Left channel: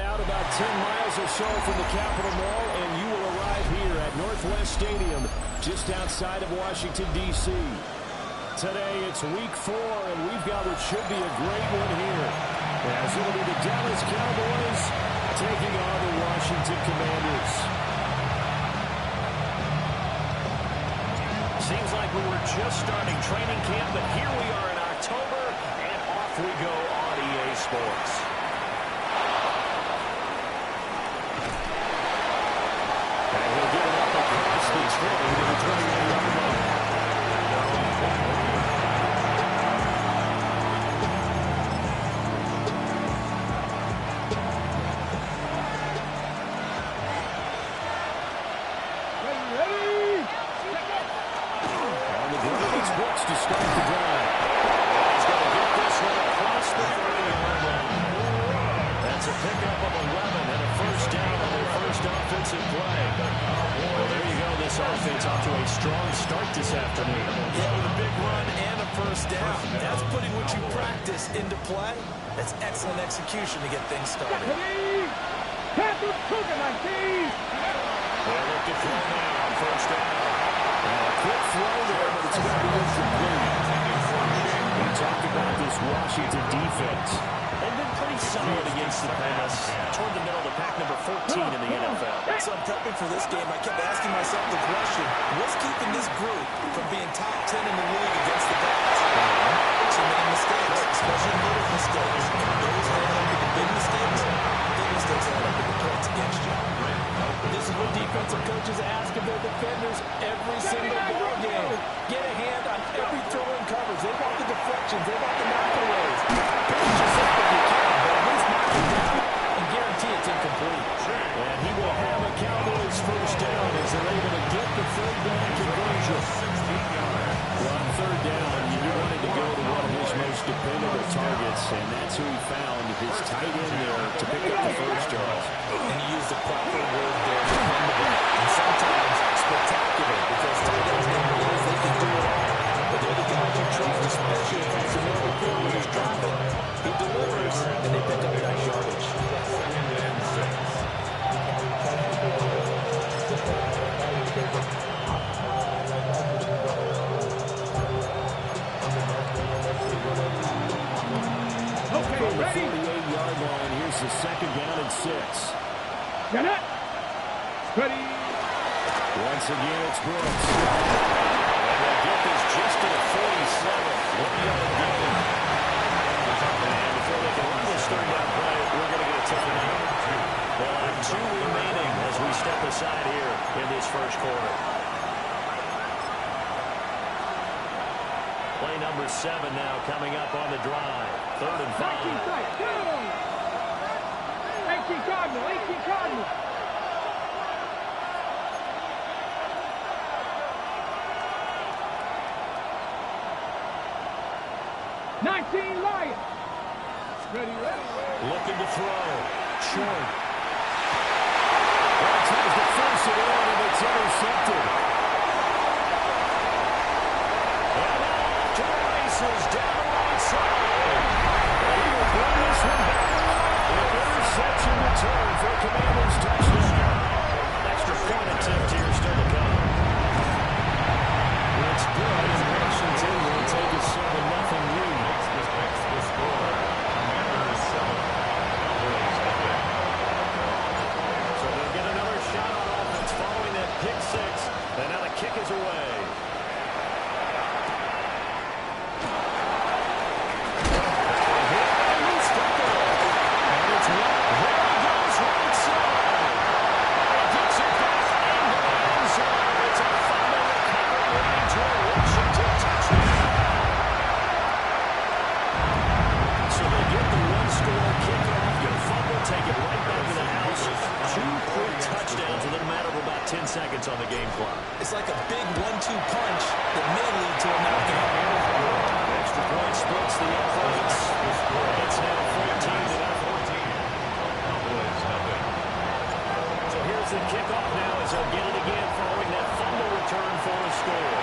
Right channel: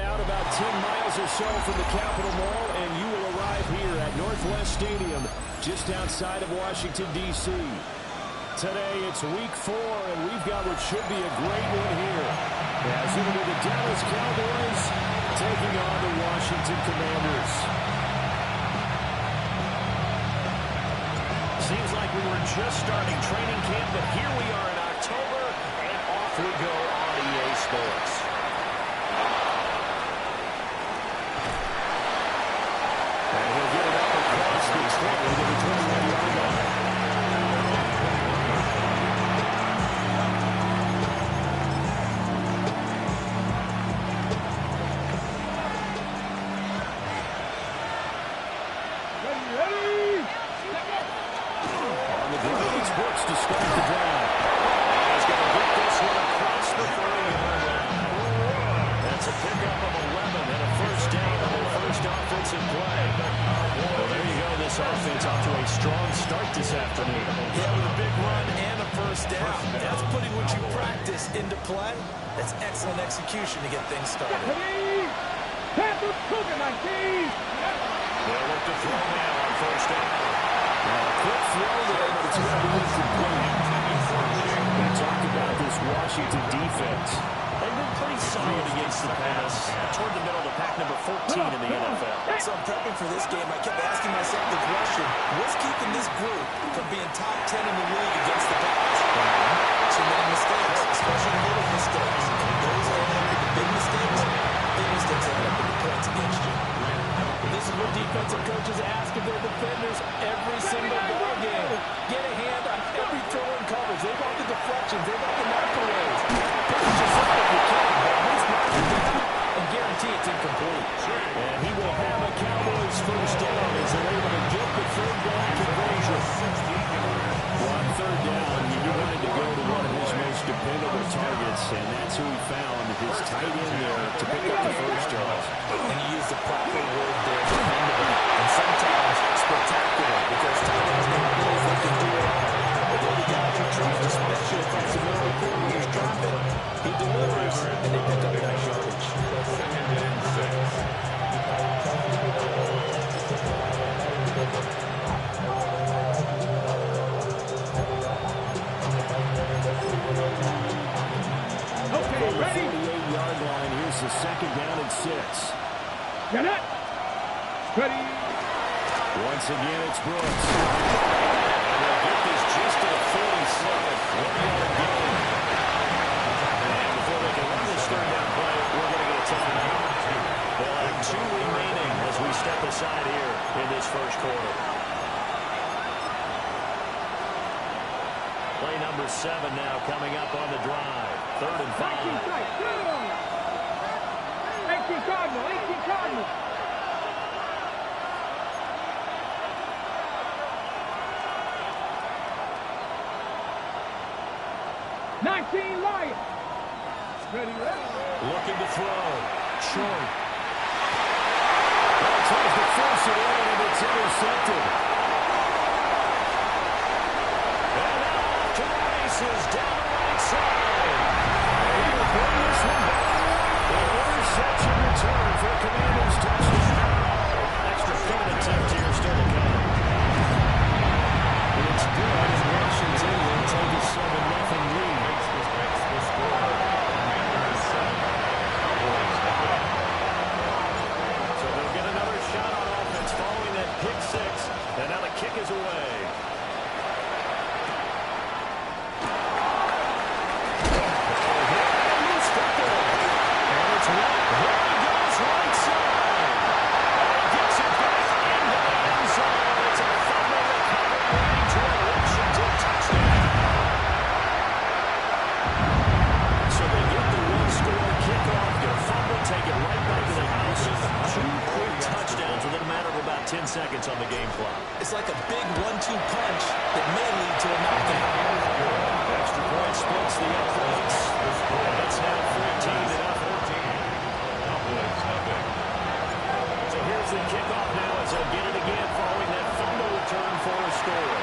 head out about 10 miles or so from the Capitol Mall, and you will arrive here at Northwest Stadium, just outside of Washington, D.C. Today, it's week 4, and we've got what should be a great one here, as it'll be the Dallas Cowboys taking on the Washington Commanders. Seems like we were just starting training camp, but here we are in October, and off we go on EA Sports. And he'll get it up across the 20 to the 21-yard line. To start the drive. He's going to get this one across the 30-yard line. That's a pickup of 11 and a first down on their first offensive play. Well, there you go. This offense off to a strong start this afternoon. Yeah, with a big run and a first down. That's putting what you practice into play. That's excellent execution to get things started. They'll look to throw now on first down. Now, a quick throw there, but it's going to be incomplete. We talk about this Washington defense. They've been pretty solid against the pass. Toward the middle of the pack, number 14 in the NFL. So I'm prepping for this game. I kept asking myself the question, what's keeping this group from being top 10 in the league against the pass? Too many mistakes, especially little mistakes. And those add up into big mistakes add up into points against you. This is what defensive coaches ask of their defenders every single ball game. Get a hand on every throw and coverage. They want the deflections. They want the knockaways. Finish yourself if you can, but at least knock it down and guarantee it's incomplete. And he will have a Cowboys first down as they're able to get the third down conversion. Well, on third down, you wanted to go to one of his most dependable targets, and that's who he found, his tight end there, to pick up the first down. And he used the proper word there, dependable, and sometimes spectacular, because tight ends nowadays, they can do it all. But they're the guys you trust, especially if it's a middle field when he's dropping. He delivers, and they pick up nice yardage. Second and 6. From the 48-yard line, here's the second down and 6. Get it! Ready! Once again, it's Brooks. And they'll get this just to the 47. 1-yard gain. And before they can run this third down play, we're going to get a timeout. They'll have 2 remaining as we step aside here in this first quarter. Play number 7 now coming up on the drive. 3rd and 5. 18 Cardinal, 18 Cardinal. Lions. Ready, ready. Looking to throw. Short. Well, tries to force it in, and it's intercepted. And now off to the races down the right side. And he'll bring this one back. An interception return for a Commanders touchdown. Extra point attempt here still to come. It's good, and Washington will take a 7-0 lead. Makes the score. Commanders 7. Cowboys nothing. So they'll get another shot on offense following that pick 6. And now the kick is away. There he goes right side. And he gets it back into the end zone. It's a fumble recovery leading to a Washington touchdown. So they get the one-score kickoff, get a fumble, take it right back to the house. 2 quick touchdowns within a matter of about 10 seconds on the game clock. It's like a big 1-2 punch that may lead to a knockout. Extra point splits the uprights. It's now 14-0. So here's the kickoff now as they'll get it again following that fumble return for a score.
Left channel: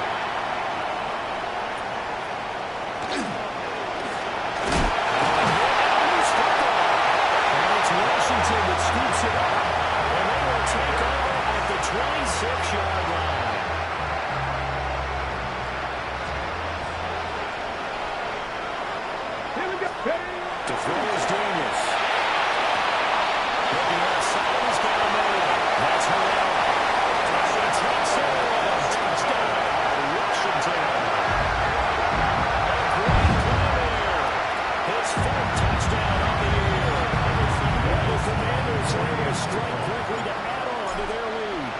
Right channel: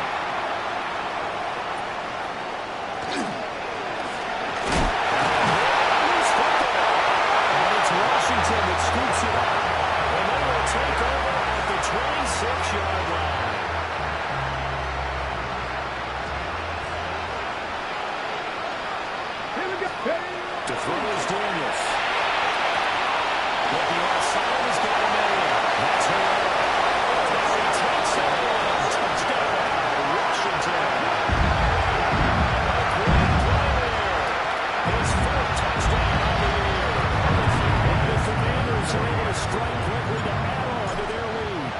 And it's Washington with it scoops it up, and they will take over at the 26-yard line. Here we go. To throw is Daniels. Looking outside, he's got a man. That's Herrera. As he takes it in. Touchdown, Washington. A great play there. His fourth touchdown on the year. And the Commanders are able to strike quickly to add on to their lead.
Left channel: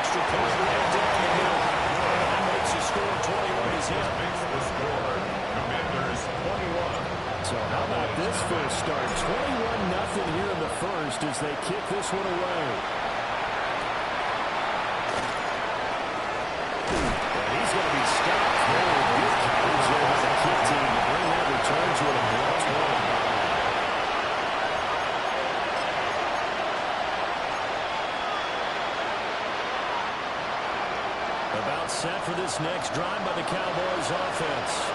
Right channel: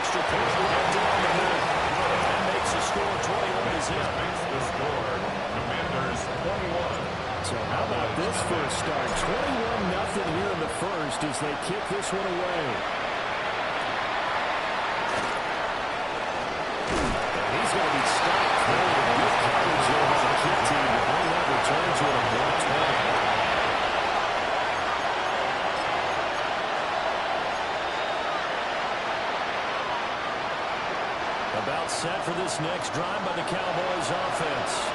Extra point right down the middle. And that makes the score 21 to zip. Makes the score. Commanders 21. So how about this first start? 21-0 here in the first as they kick this one away. And he's going to be stopped there with good coverage there by the kick team to bring that return to an abrupt point. About set for this next drive by the Cowboys offense.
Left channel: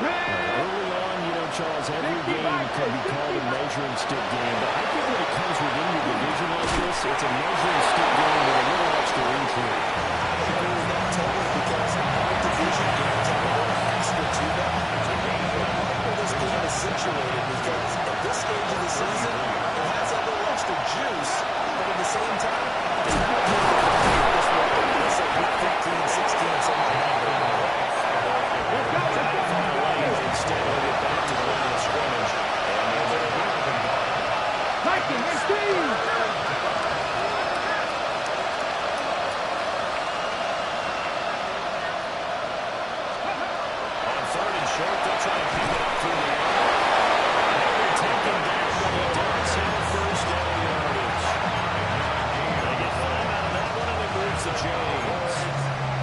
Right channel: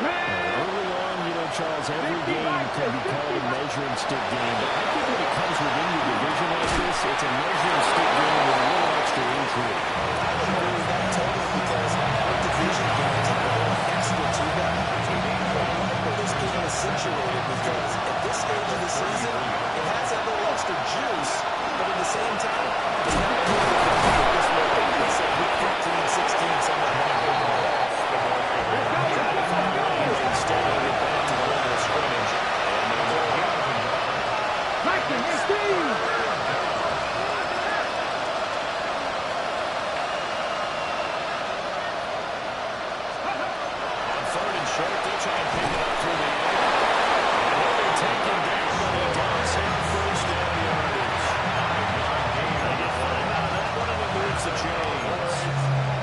Early on, you know, Charles, every game can be called a measuring stick game, but I think when it comes within your division like this, it's a measuring stick game with a little extra intrigue. I would agree with that totally because all division games have a little extra to them. I like where this game is situated because at this stage of the season, it has that little extra juice, but at the same time, it's not really competitive this way. Let's say week 15, 16, something like that. Instead, they'll get back to the line of scrimmage. And Viking, Steve! on third and short, they'll try and pick it up through the air. And now they're taken down, but he does have first down yardage. They get 5 out of that one, and it moves the chains.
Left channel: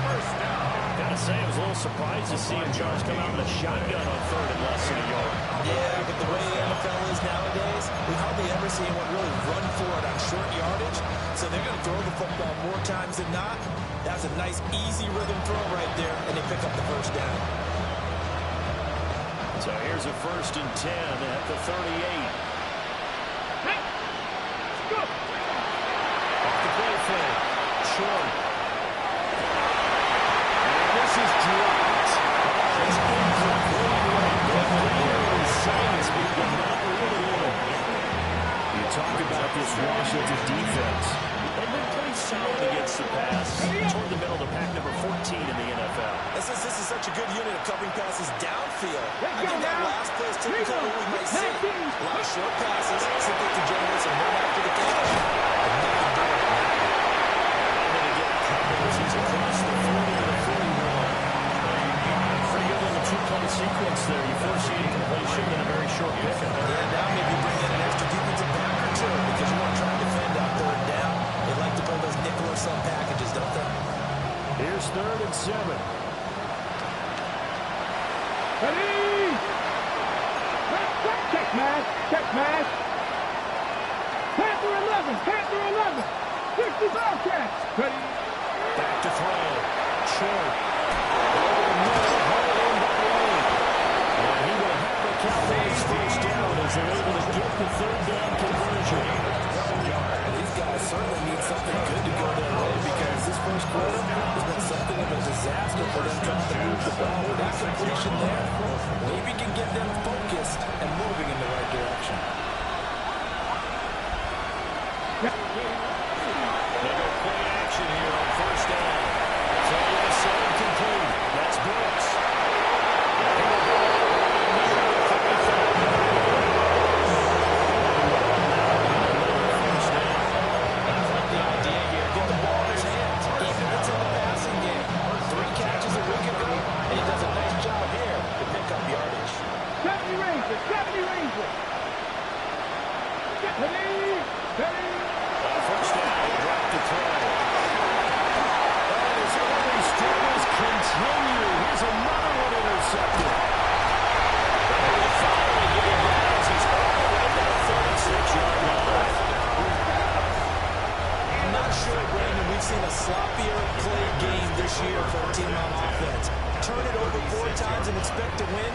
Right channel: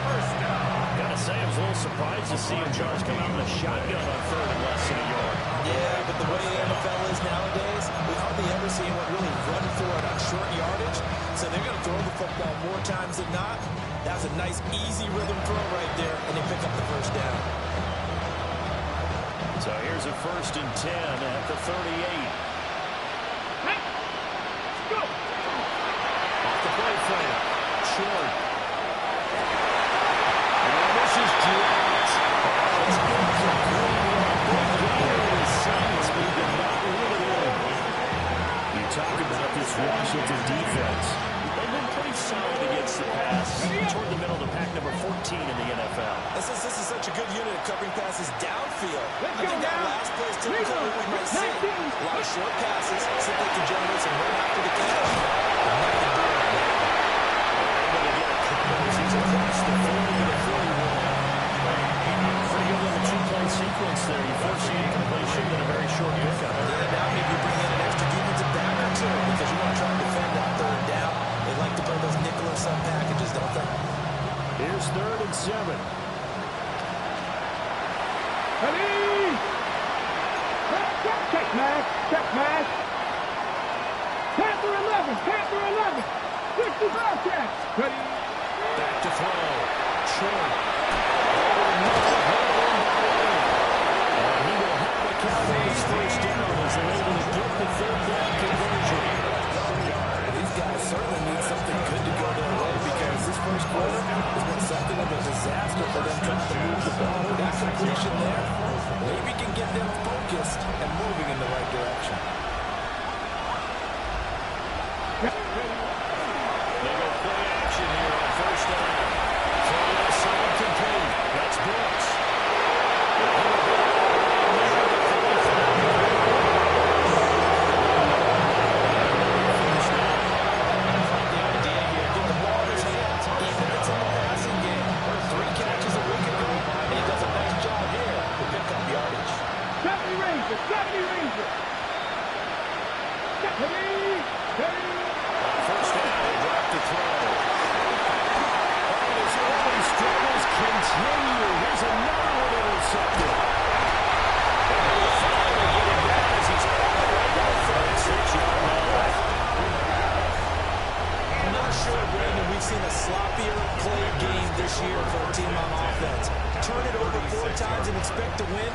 First down. Gotta say, I was a little surprised to see him, Charles, come out with a shotgun on third and less than a yard. Yeah, but the way the NFL is nowadays, we hardly ever see anyone really run for it on short yardage. So they're going to throw the football more times than not. That was a nice, easy rhythm throw right there, and they pick up the first down. So here's a 1st and 10 at the 38. Hey! Go! Off the play fake. Short. And this is dropped. Oh, it's incomplete. Big leader of the Saints, but he did not reel it in. You talk about this Washington defense. They've been pretty solid against the pass. Toward the middle to pack number 14 in the NFL. And since this is such a good unit of covering passes downfield, Let's I think go that now. last play is typical of what we might see. 19. A lot of short passes, so they can generate some run after the catch. But nothing doing on that one. They're able to get a couple as he's across the 40 to the 41. Pretty good little two-play sequence there. You force the incompletion and a very short pickup. Yeah, now maybe you bring in an extra defensive back or two because you want to try and defend on third down. They like to play those nickel or some packages, don't they? Here's 3rd and 7. Ready! Check smash! Check smash! Panther 11! Panther 11! 65 catch! Ready! Back to throw. Short. Over the middle, hauled in by Lane. And he will have the Cowboys first down as they're able to get the 3rd down conversion. These guys certainly need something good to go their way because this first quarter has been something of a disaster for them trying to move the ball. That completion there maybe can get them focused and moving in the right direction. They go play action here on first down. Throw left side complete. That's Brooks. And he will go right near the 35. First down. I like the idea here. Get the ball in his hands, even if it's in the passing game. 3 catches a week ago, and he does a nice job here to pick up yardage. 70 Ranger! 70 Ranger! Ready! Ready! On first down, he dropped the throw. And his early struggles continue. Here's another one intercepted. And they will finally get him down as he's all the way to the 36-yard line. I'm not sure, Brandon, we we've seen a sloppier play game this year for a team on offense. Turn it over 4 times and expect to win?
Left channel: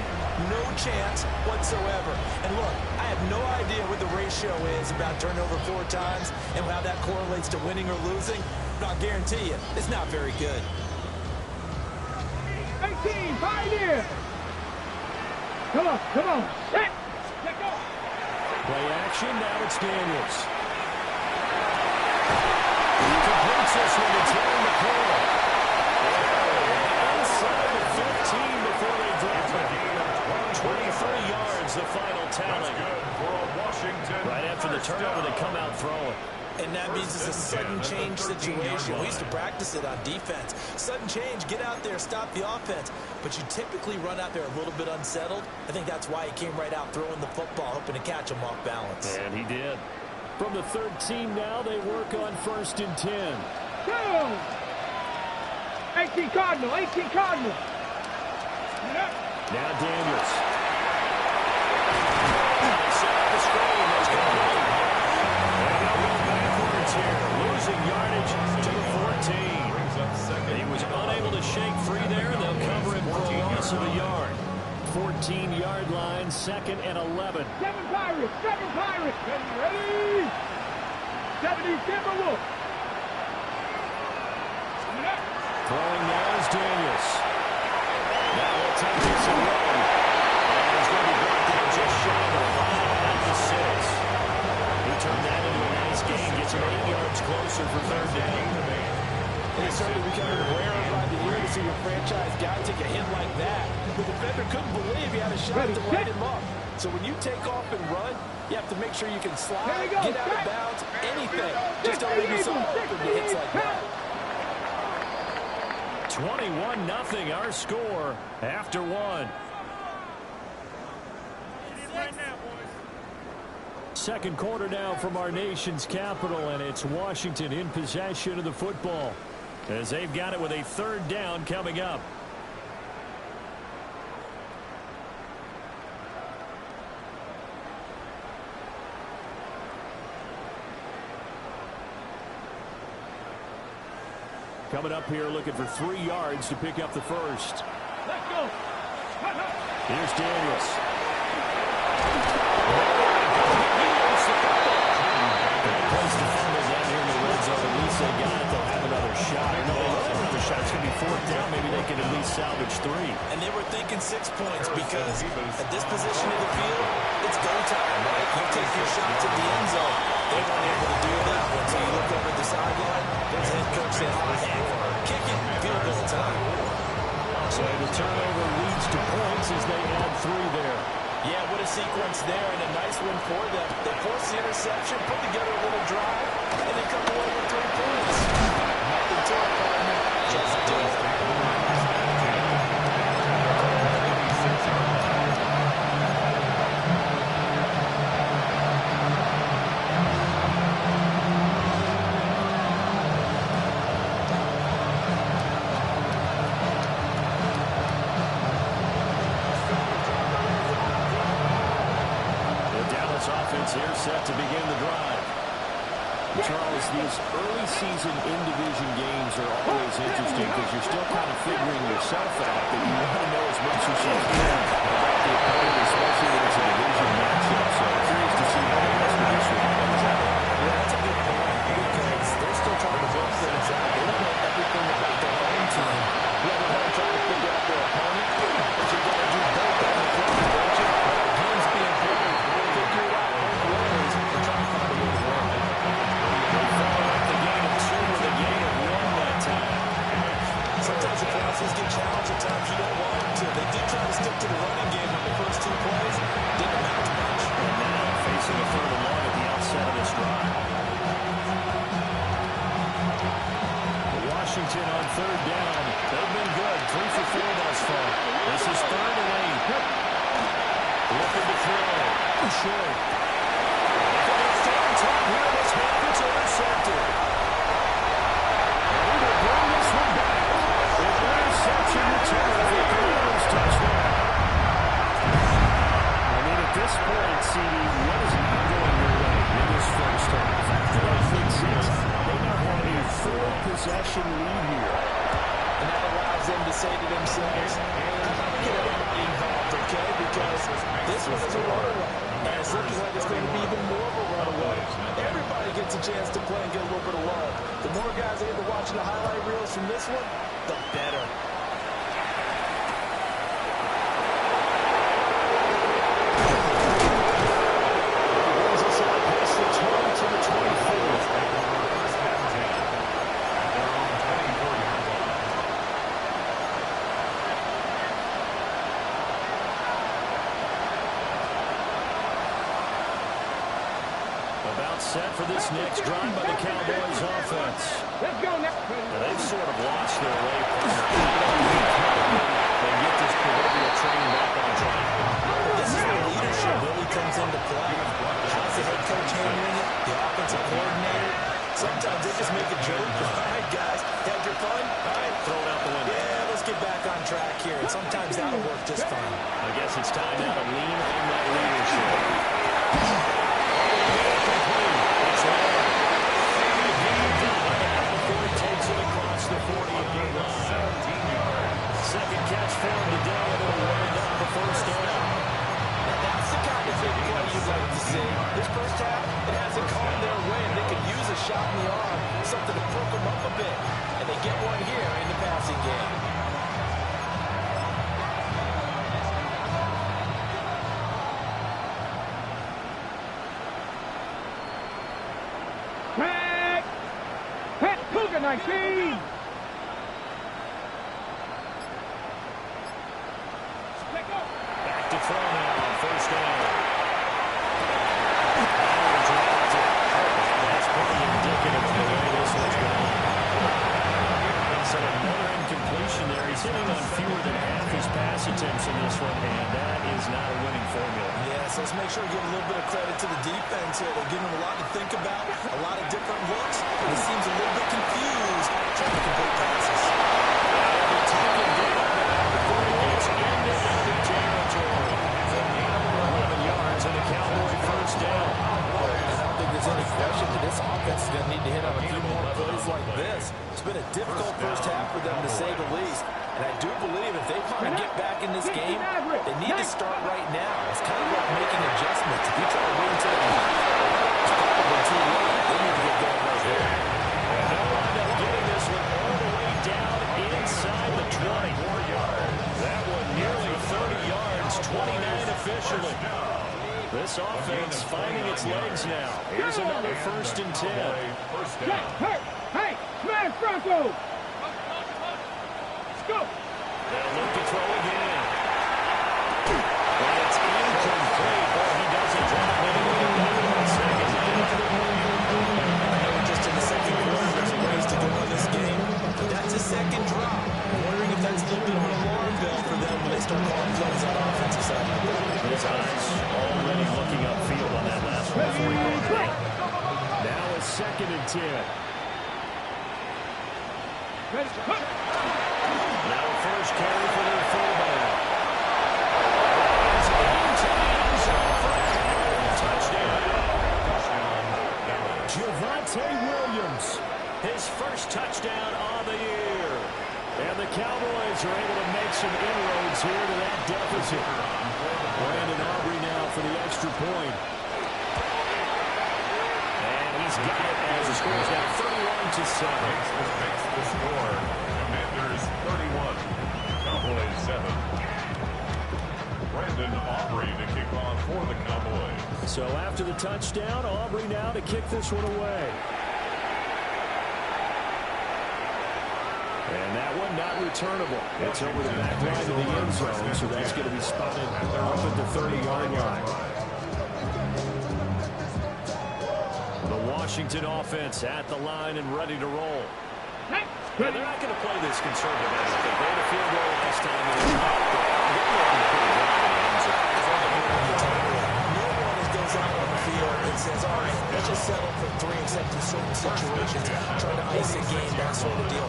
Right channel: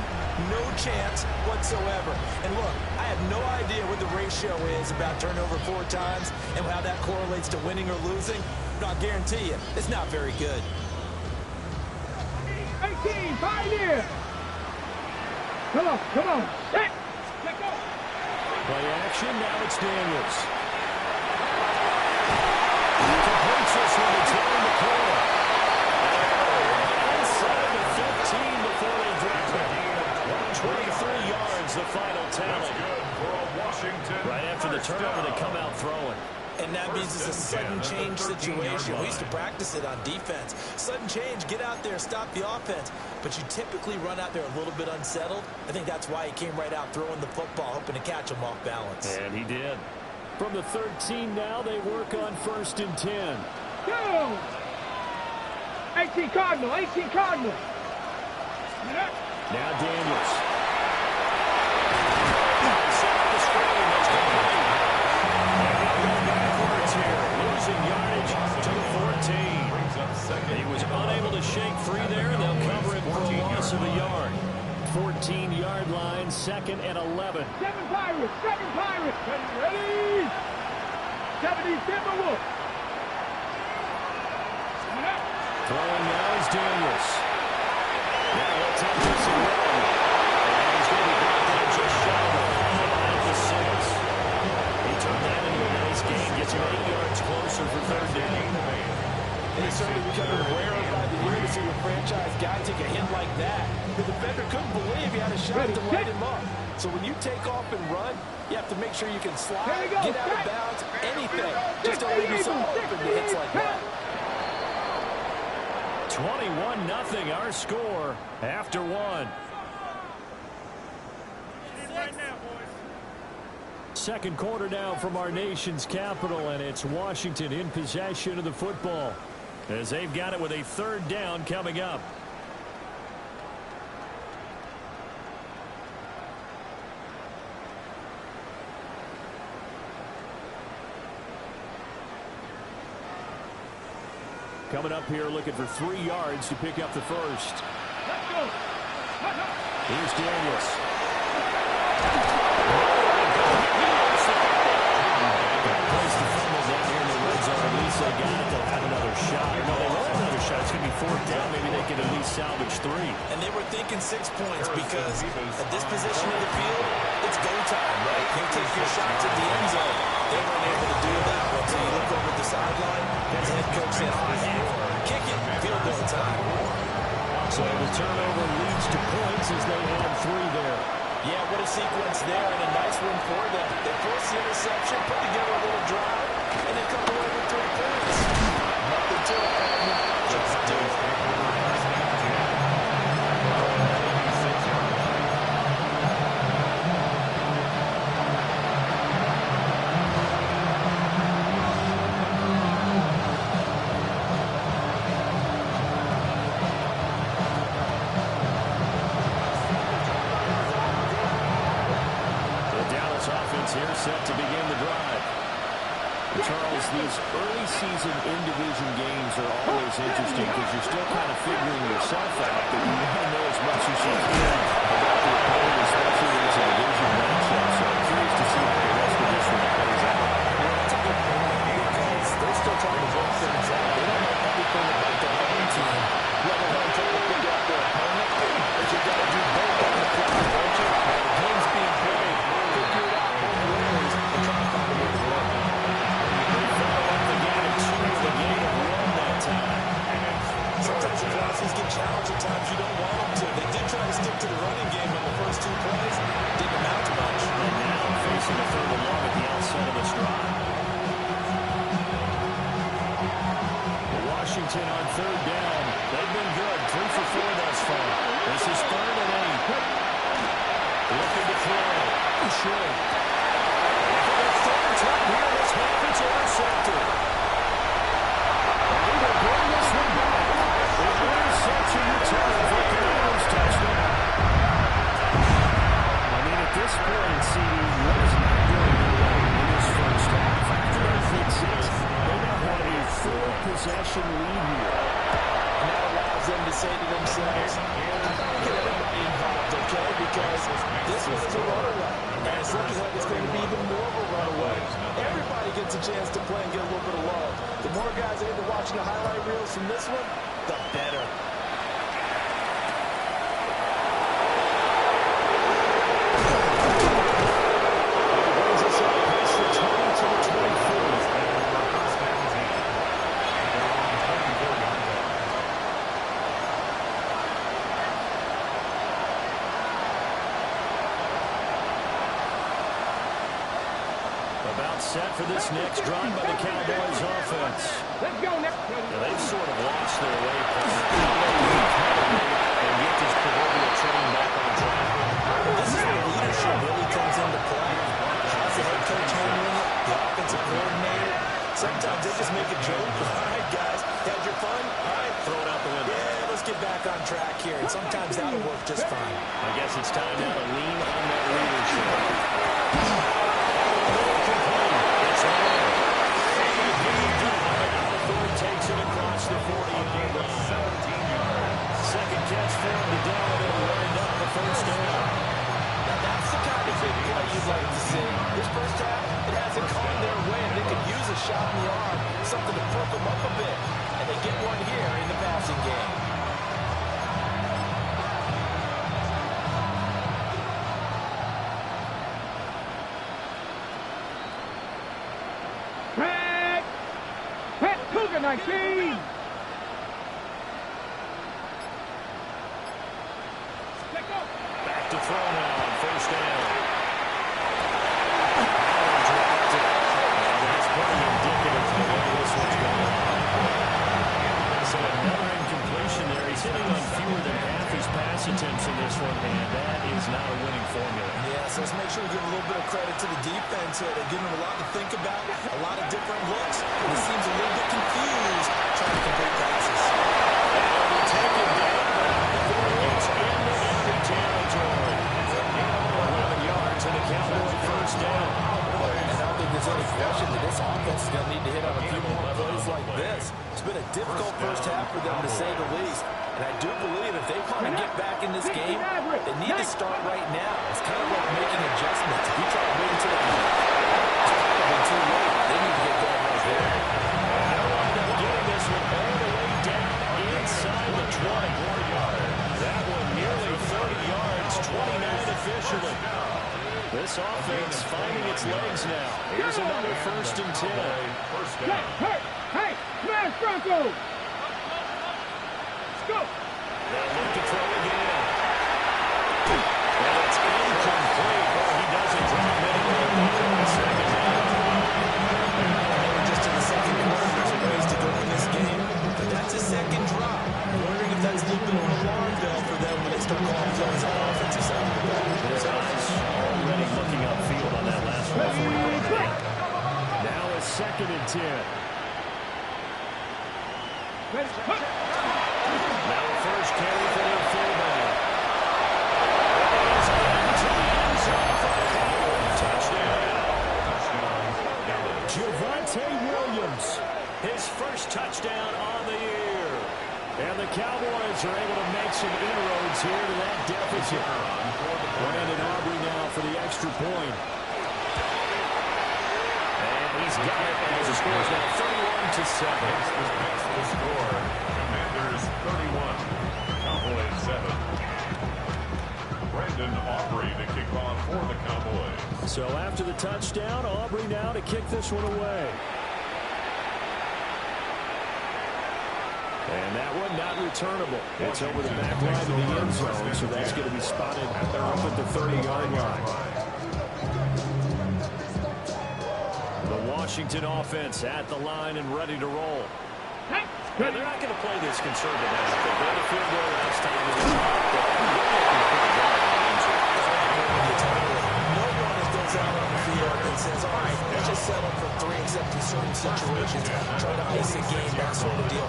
No chance whatsoever. And look, I have no idea what the ratio is about turnover 4 times and how that correlates to winning or losing. But I'll guarantee you, it's not very good. 18, Pioneer. Come on, come on. Set. Let go. Play action, now it's Daniels. He completes this one to Terry McLaurin. Inside the 15 before they drop it. 23 yards, the final tally. That's good for a Washington. Right after the turnover, they come out throwing. And that means it's a sudden change situation. We used to practice it on defense. Sudden change, get out there, stop the offense. But you typically run out there a little bit unsettled. I think that's why he came right out throwing the football, hoping to catch him off balance. And he did. From the 13 now, they work on 1st and 10. Go. 18 Cardinal, 18 Cardinal. Now Daniels. They set up the screen. That's complete. And they'll go backwards here. Losing yardage to the 14. He was unable to shake free there. They'll cover him for a loss of a yard. 14-yard line, 2nd and 11. 7 Pirates, 7 Pirates. Ready? 70 Timberwolves. Throwing now is Daniels. Now he'll tuck this and run. And he's going to be brought down just shy of the 5 at the 6. He turned that into a nice gain. Gets him 8 yards closer for 3rd down. And it's certainly becoming rarer by the year to see your franchise guy take a hit like that. The defender couldn't believe he had a shot to light him up. So when you take off and run, you have to make sure you can slide, get out of bounds, anything. Just don't leave yourself open to hits like that. 21-0 our score after 1. Second quarter now from our nation's capital, and it's Washington in possession of the football as they've got it with a 3rd down coming up. Coming up here looking for 3 yards to pick up the 1st. Let's go. Here's Daniels. Place to fumble down here in the red zone. At least they got it. They'll have another shot. Or no, they will have another shot. It's going to be 4th down. Maybe they can at least salvage 3. And they were thinking 6 points because at this position in the field, it's go time, right? You take your shots at the end zone. They weren't able to do that one. So you look over at the sideline, there's the head coach saying, oh, heck, kick it, field goal time. So the turnover leads to points as they add 3 there. Yeah, what a sequence there, and a nice one for them. They force the interception, put together a little drive, and they come away with 3 points. Nothing to it, partner. Just do it. Offense here set to begin the drive. Charles, these early season in-division games are always interesting because you're still kind of figuring yourself out, but you want to know as much as you can about the opponent, especially when it's a division matchup. So I'm curious to see how the rest of this one plays out. Yeah, that's a good point because they're still trying to work things out. They don't know everything about their own team, let alone trying to figure out their opponent. But you've got to do both on the fly, don't you? The game's being played. Figure it out both ways and try to find a way to win. They follow up the gain of 2 with a gain of 1 that time. Sometimes the Philosophies get challenged at times you don't want them to. They did try to stick to the running game on the first 2 plays. Didn't amount to much. And now facing a 3rd and long at the outset of this drive. Washington on 3rd down. They've been good. 3 for 4 thus far. This is 3rd and 8. Looking to throw. Short. For the 3rd time here in this half, it's intercepted. And he will bring this one back. The interception return for a Commanders touchdown. I mean, at this point, CD, what is not going their way in this first half? After that pick six, they now have a 4-possession lead here. And that allows them to say to themselves, how about we get everybody involved, okay? Because this one is a runaway. And it's looking like it's going to be even more of a runaway. Everybody gets a chance to play and get a little bit of love. The more guys are able to watch the highlight reels from this one, the better. Brings us out past the 20 to the 24. First and 10 at their own 24-yard line. About set for this next drive by the Cowboys offense. Let's go now. Now, they've sort of lost their way, partner. How do they recalibrate and get this proverbial train back on track? This is where leadership really comes into play. How's the head coach handling it? The offensive coordinator? Sometimes they just make a joke. All right, guys, had your fun? All right, Throw it out the window. yeah, let's get back on track here. And sometimes that'll work just fine. I guess it's time now to lean on that leadership. It's Lamb. Before he takes it across the 40-yard line. 17 yards. Second catch for him today, and it'll wind up a first down. Now, that's the kind of big play you'd like to see. This first half, it hasn't gone their way, and they could use a shot in the arm, something to perk them up a bit. And they get one here in the passing game. Tag. Pat Cougar 19. Let go. Back to throw now on first down. Oh, dropped it. And that's pretty indicative of the way this one's going. So another incompletion there. He's hitting on fewer than half his pass attempts in this one, and that is not a winning formula. Yeah, so let's make sure we give a little bit of credit to the defense here. They're giving him a lot to think about, a lot of different looks. He seems a little bit confused trying to complete passes. He'll be taken down now before he gets into enemy territory. It's a gain of 11 yards and a Cowboy first down. And I don't think there's any question that this offense is going to need to hit on a few more plays like this. It's been a difficult first half for them, to say the least. And I do believe if they want to get back in this game, they need to start right now. It's kind of like making adjustments. If you try to wait until the end, it's probably too late. They need to get going right there. And they'll wind up getting this one all the way down inside the 20. That one nearly 30 yards, 29 officially. This offense finding its legs now. Here's another first and 10. First Hey, down. hey, hey, smash Bronco. Let's go. They'll look to throw again. And it's incomplete. Oh, he doesn't drop anyway. Second down. I know we're just in the second quarter. There's ways to go in this game. But that's a second drop. I'm wondering if that's a little bit of an alarm bell for them when they start calling plays on the offensive side of the ball. His eyes already looking upfield on that last one before he brought it in. Now it's second and 10. Ready, cut. Now a first carry for their fullback. That is into the end zone for a Cowboy touchdown. Javonte Williams, his first touchdown on the year. And the Cowboys are able to make some inroads here to that deficit. Brandon Aubrey now for the extra point. And he's got it as the score is now 31-7. Makes the score. Commanders 31, Cowboys 7. Brandon Aubrey to kick off for the Cowboys. So after the touchdown, Aubrey now to kick this one away. And that one not returnable. It's over the back line of the end zone, so that's going to be spotted up at the 30-yard line. The Washington offense at the line and ready to roll. Hey, Yeah, they're not going to play this conservative, I don't think. They had a field goal last time, and they're looking to put a drive in the end zone. No one goes out on the field and says, all right, let's just settle for 3 except in certain situations. Try to ice a game, that sort of deal.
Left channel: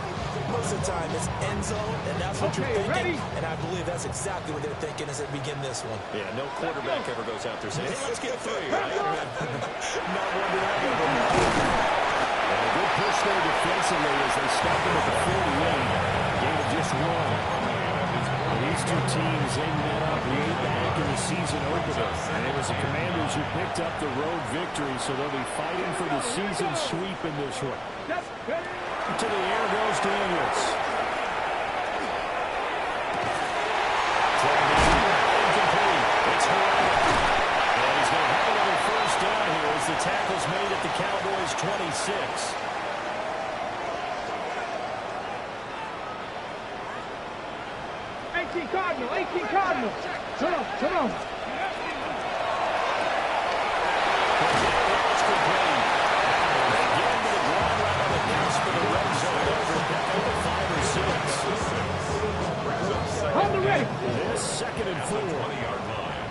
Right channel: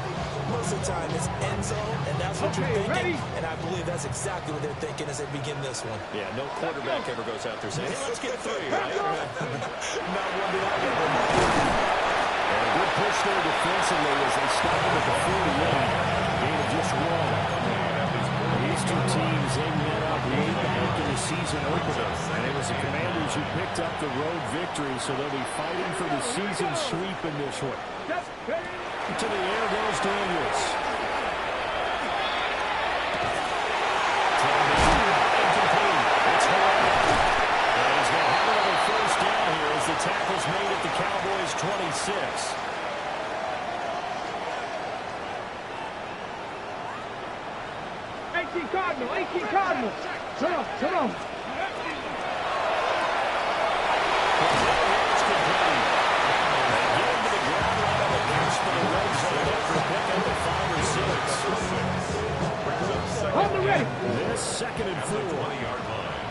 Most of the time, it's end zone, and that's what you're thinking. Ready? And I believe that's exactly what they're thinking as they begin this one. Yeah, no quarterback ever goes out there saying, hey, let's get 3, right? Not one that I've ever met. And a good push there defensively as they stop him at the 48. Gain of just one. These two teams, they met up way back in the season opener. And it was the Commanders who picked up the road victory, so they'll be fighting for the season sweep in this one. To the air goes Daniels. Incomplete. It's Herrera. And he's going to have another first down here as the tackle's made at the Cowboys' 26. Cardinal, 18 Cardinal. Come on, come on. It's complete. They get him to the ground right on the cusp of the red zone after a pickup of 5 or 6. Hold the ready. This second and 4. 20-yard line.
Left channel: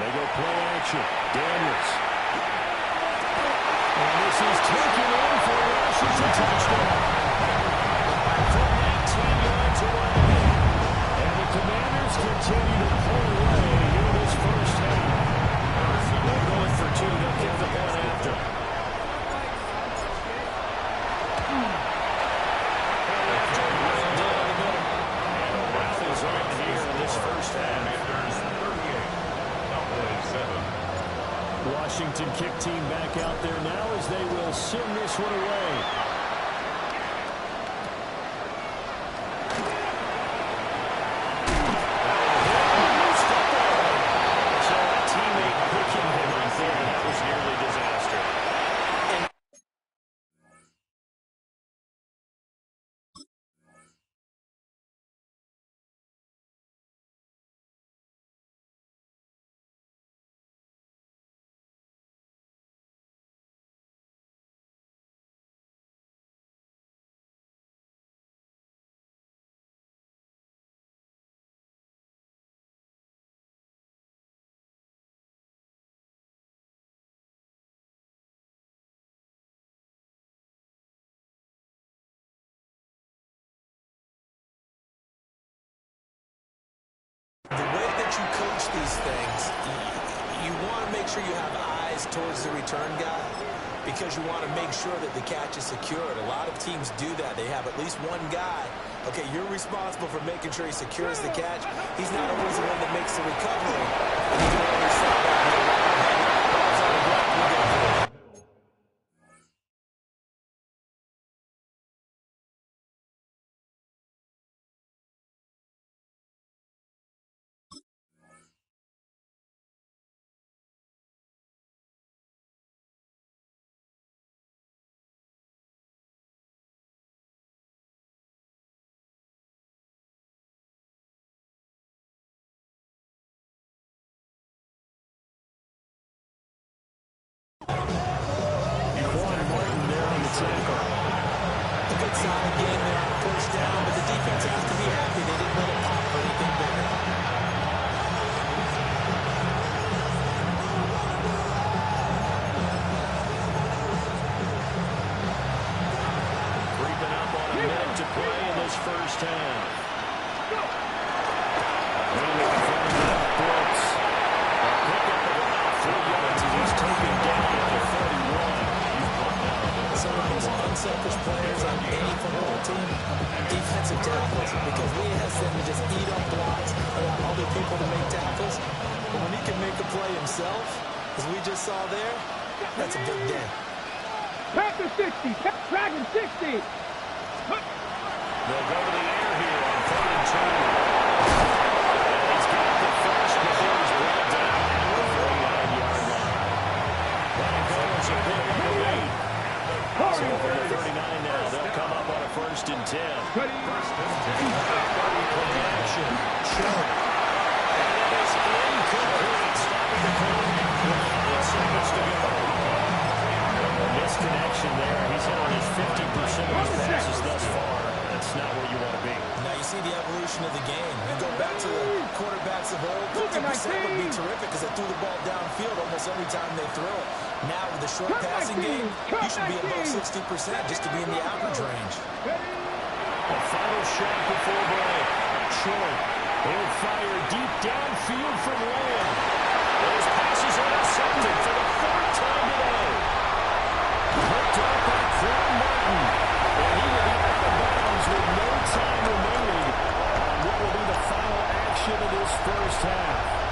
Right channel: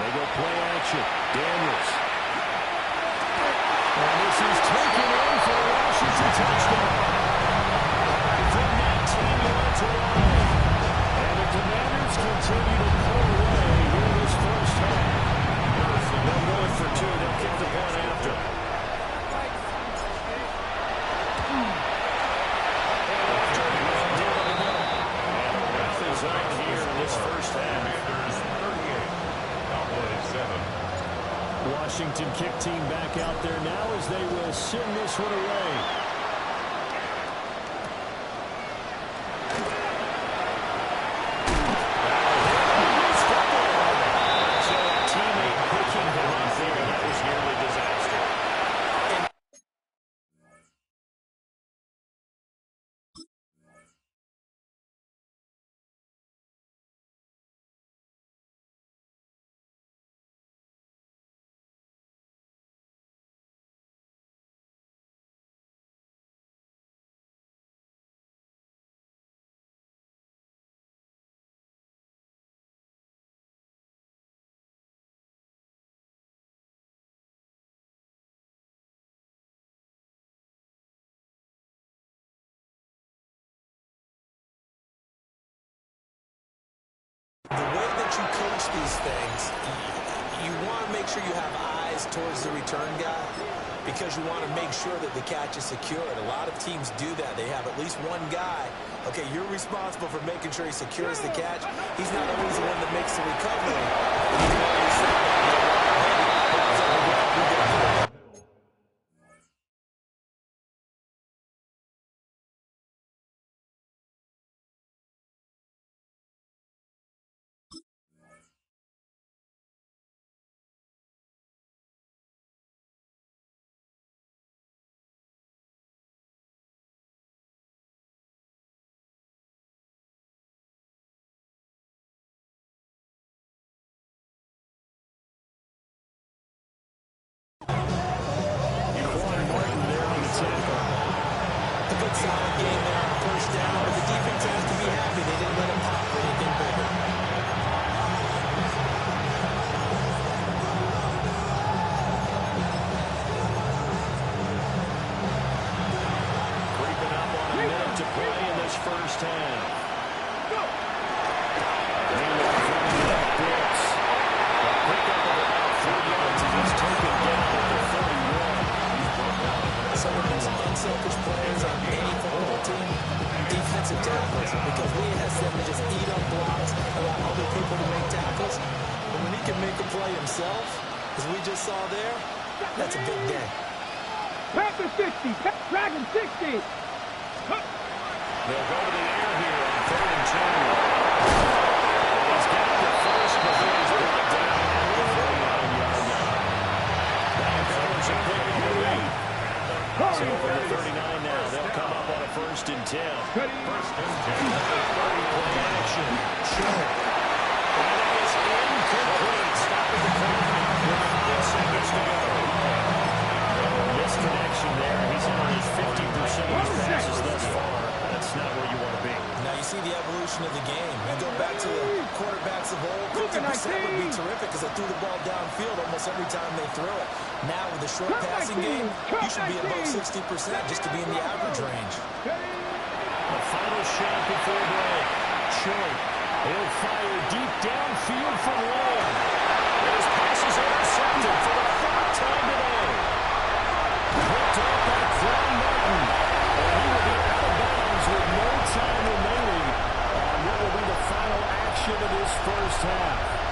They go play action. Daniels. And this is taken in for a Washington touchdown. From 19 yards away. And the Commanders continue to pull away here in this first half. They're going for 2. They'll kick the point after. And a rout is on here in this first half. Commanders 38, Cowboys 7. Washington kick team back out there now as they will send this one away. The way that you coach these things, you want to make sure you have eyes towards the return guy because you want to make sure that the catch is secured. A lot of teams do that. They have at least one guy. Okay, you're responsible for making sure he secures the catch. He's not always the one that makes the recovery. And you can always say that ball's on the ground, you get it. A good solid game there on first down, but the defense has to be happy they didn't let it pop for anything bigger. Creeping up on a minute to play in this first half. Handoff running out, Brooks. A pickup of about 4 yards as he's taken down at the 31. Some of the most unselfish players on any football team, defensive tackles, because we ask them to just eat up blocks, allow other people to make tackles. But when he can make a play himself, as we just saw there, that's a big day. Panther 60, Dragon 60. They'll go to the air here on 3rd and 2. And he's got the first before he's brought down at the 49-yard line. That'll go as a pick on the lead. So over the 39 now. They'll come up on a 1st and 10. First and 10. Play action. Short. And it is incomplete. Stopping the clock with 5 seconds to go. Misconnection there. He's hit on his 50% of his passes thus far. That's not where you want to be. Now you see the evolution of the game. You go back to the quarterbacks of old, 50% would be terrific because they threw the ball downfield almost every time they throw it. Now with the short passing game, you should be above 60% just to be in the average range. A final shot before break. Short. He'll fire deep downfield from Lamb. His pass is intercepted for the 4th time today. from Martin. And he will be out of bounds with no time remaining on what will be the final action of this first half.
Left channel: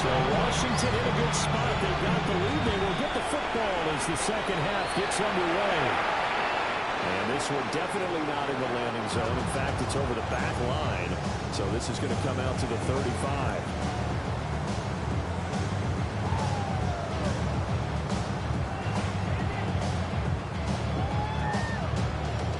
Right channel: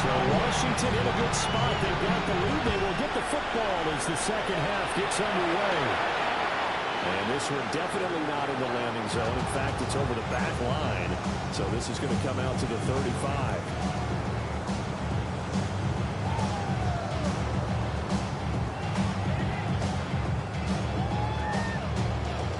So Washington in a good spot. They've got the lead. They will get the football as the second half gets underway. And this one definitely not in the landing zone. In fact, it's over the back line. So this is going to come out to the 35.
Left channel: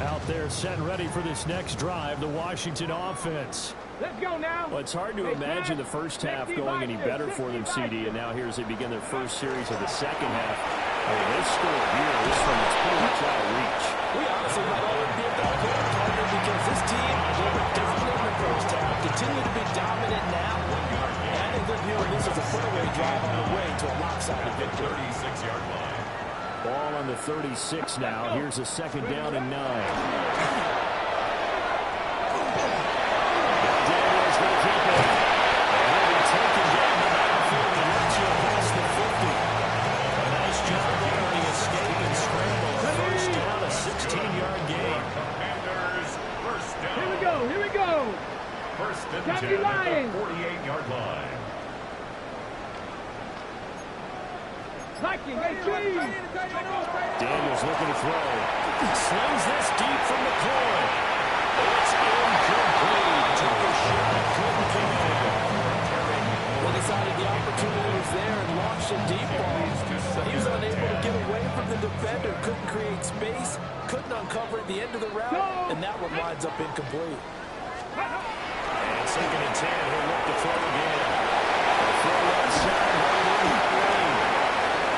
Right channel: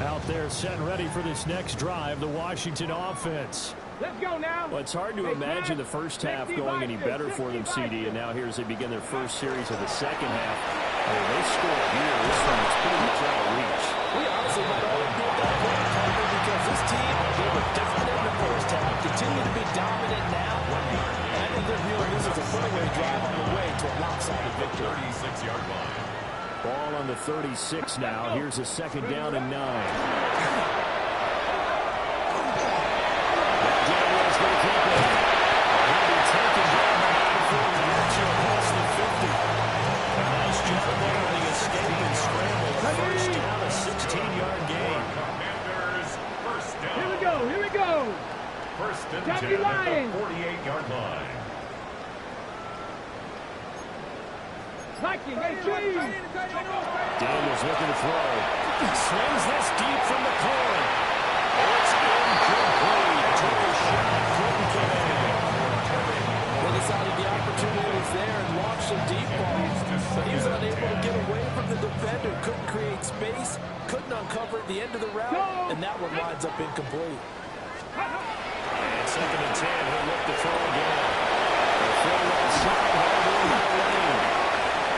Out there set and ready for this next drive, the Washington offense. Let's go now. Well, it's hard to imagine the first half going any better for them, CD, and now here as they begin their first series of the second half. I mean, they score here. This one is pretty much out of reach. We honestly might already be at that point, partner, because this team, they were dominant in the first half, continue to be dominant now. And I think they're viewing this as a put-away drive on the way to a lopsided victory. 36-yard line. Ball on the 36 now. Here's a second down and 9. Daniels going to keep it. He'll be taken down before he gets you past the 50. A nice job there on the escape and scramble. A first down, a 16-yard gain. Commanders, first down. Here we go. Here we go. First and Got 10 you at lying. the 48-yard line. Daniels looking to throw. Slings this deep from the corner. It's incomplete. Took a shot, couldn't connect. Well, decided the opportunity was there and launched a deep ball. But he was unable to get away from the defender. Couldn't create space. Couldn't uncover at the end of the route. And that one winds up incomplete. And second and 10. He'll look to throw again. A throw left side, hard in by Lane.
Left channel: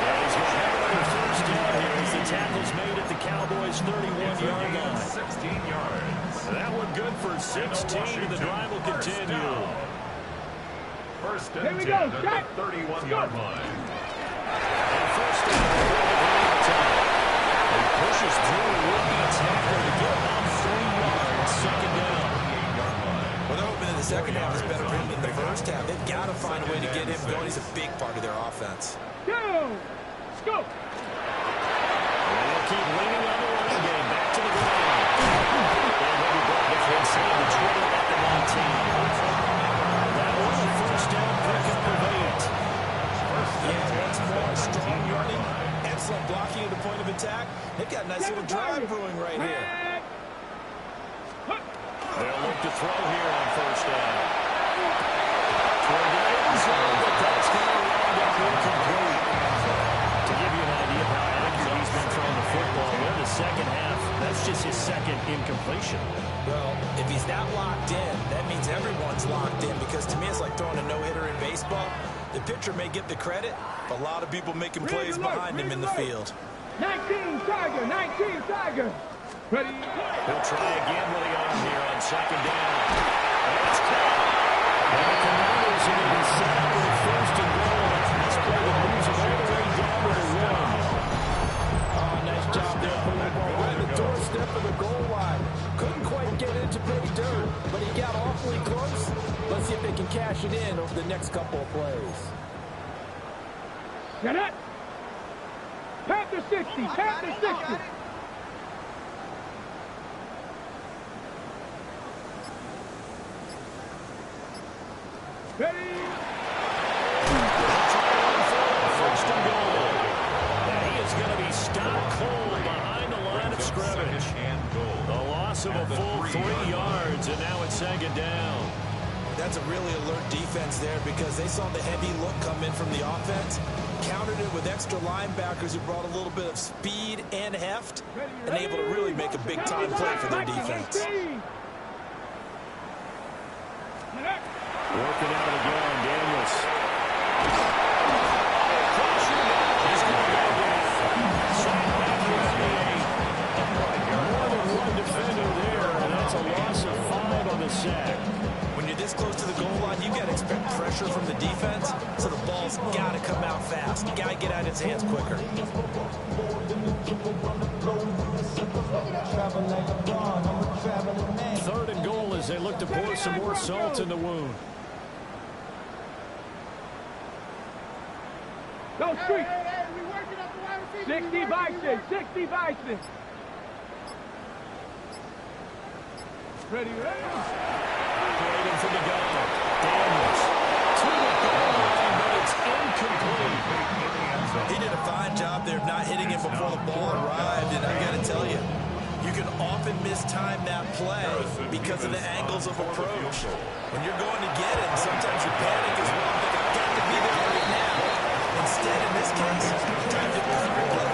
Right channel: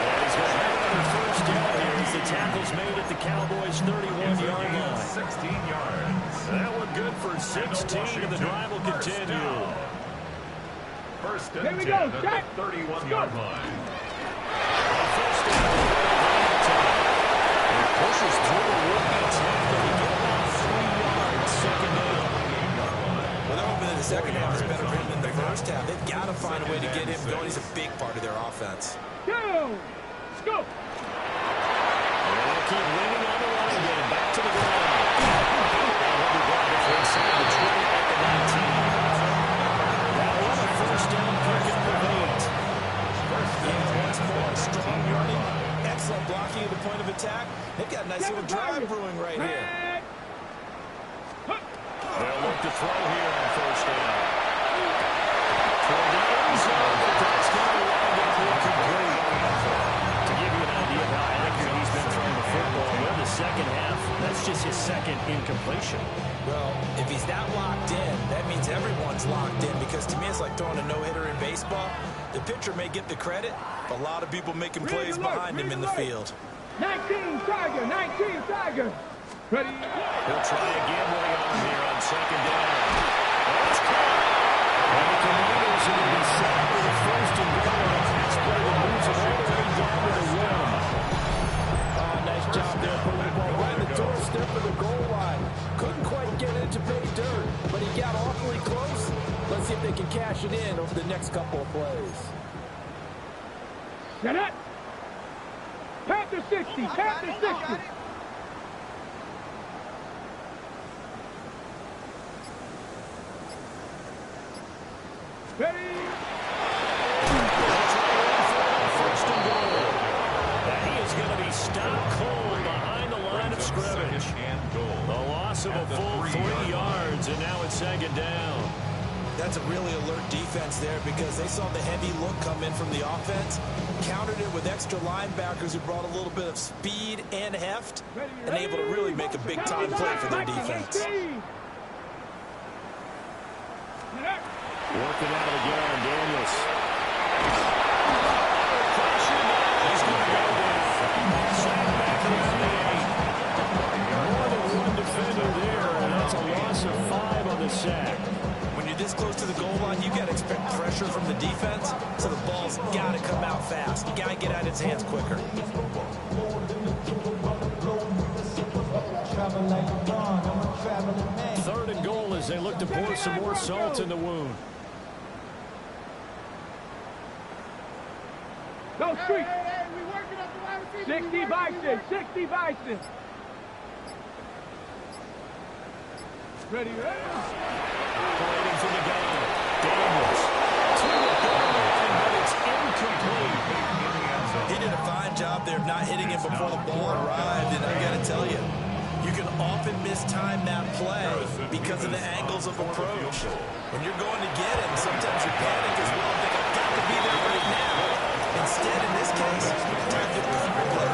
And he's going to have another first down here as the tackle's made at the Cowboys' 31-yard line. 16 yards. That one good for 16, and the drive will continue. First Here and we 10 go, at Jack. the 31-yard line. On first down, he pushes through a would-be tackle to get about 3 yards, second down. 28-yard line. Well, they're hoping that the second half is better for him than the first half. They've got to find a way to get him going. He's a big part of their offense. Go. Go. And they'll keep leaning on the running game. Back to the ground. And he'll be brought inside the 20 at the 19. That was a first down pickup of 8. Yeah, once more, strong running, excellent blocking at the point of attack. They've got a nice little drive brewing right here. They'll look to throw here on first down. Toward the end zone, but that's going to wind up incomplete. To give you an idea of how accurate he's been throwing the football, in the second half, that's just his second incompletion. Well, if he's that locked in, that means everyone's locked in, because to me it's like throwing a no-hitter in baseball. The pitcher may get the credit, but a lot of people making plays behind him in the field. 19 Tiger. 19 Tiger. Ready? He'll try again with the arm here on second down. And it's caught. And the Commanders are going to be set up with a first and goal on a pass play that moves them all the way down to the 1. Oh, nice job there, putting the ball right at the doorstep of the goal line. Couldn't quite get it to pay dirt, but he got awfully close. Let's see if they can cash it in over the next couple of plays. Get it. Panther 60. Panther 60. Ready? They'll try one for first and goal. And he is going to be stopped cold behind the line of scrimmage. And goal. The loss of a full 3 yards, and now it's second down. That's a really alert defense there, because they saw the heavy look come in from the offense, countered it with extra linebackers who brought a little bit of speed and heft, and able to really make a big-time play for their defense. Working out of the gun, Daniels. He's going to go down. Sacked back around the 8. More than one defender there, and that's a loss of 5 on the sack. When you're this close to the goal line, you got to expect pressure from the defense, so the ball's got to come out fast. You got to get out of its hands quicker. Third and goal as they look to pour some more salt in the wound. Go street. Hey, we working up the wide receiver. 60 Bison. 60 Bison. Ready. Operating from the gun. Daniels to the goal line, but it's incomplete. He did a fine job there of not hitting him before the ball arrived, and I got to tell you, you can often mistime that play because of the angles of approach. When you're going to get him, sometimes you panic as well and think, I've got to be there right now. Instead, in this case, time to quickly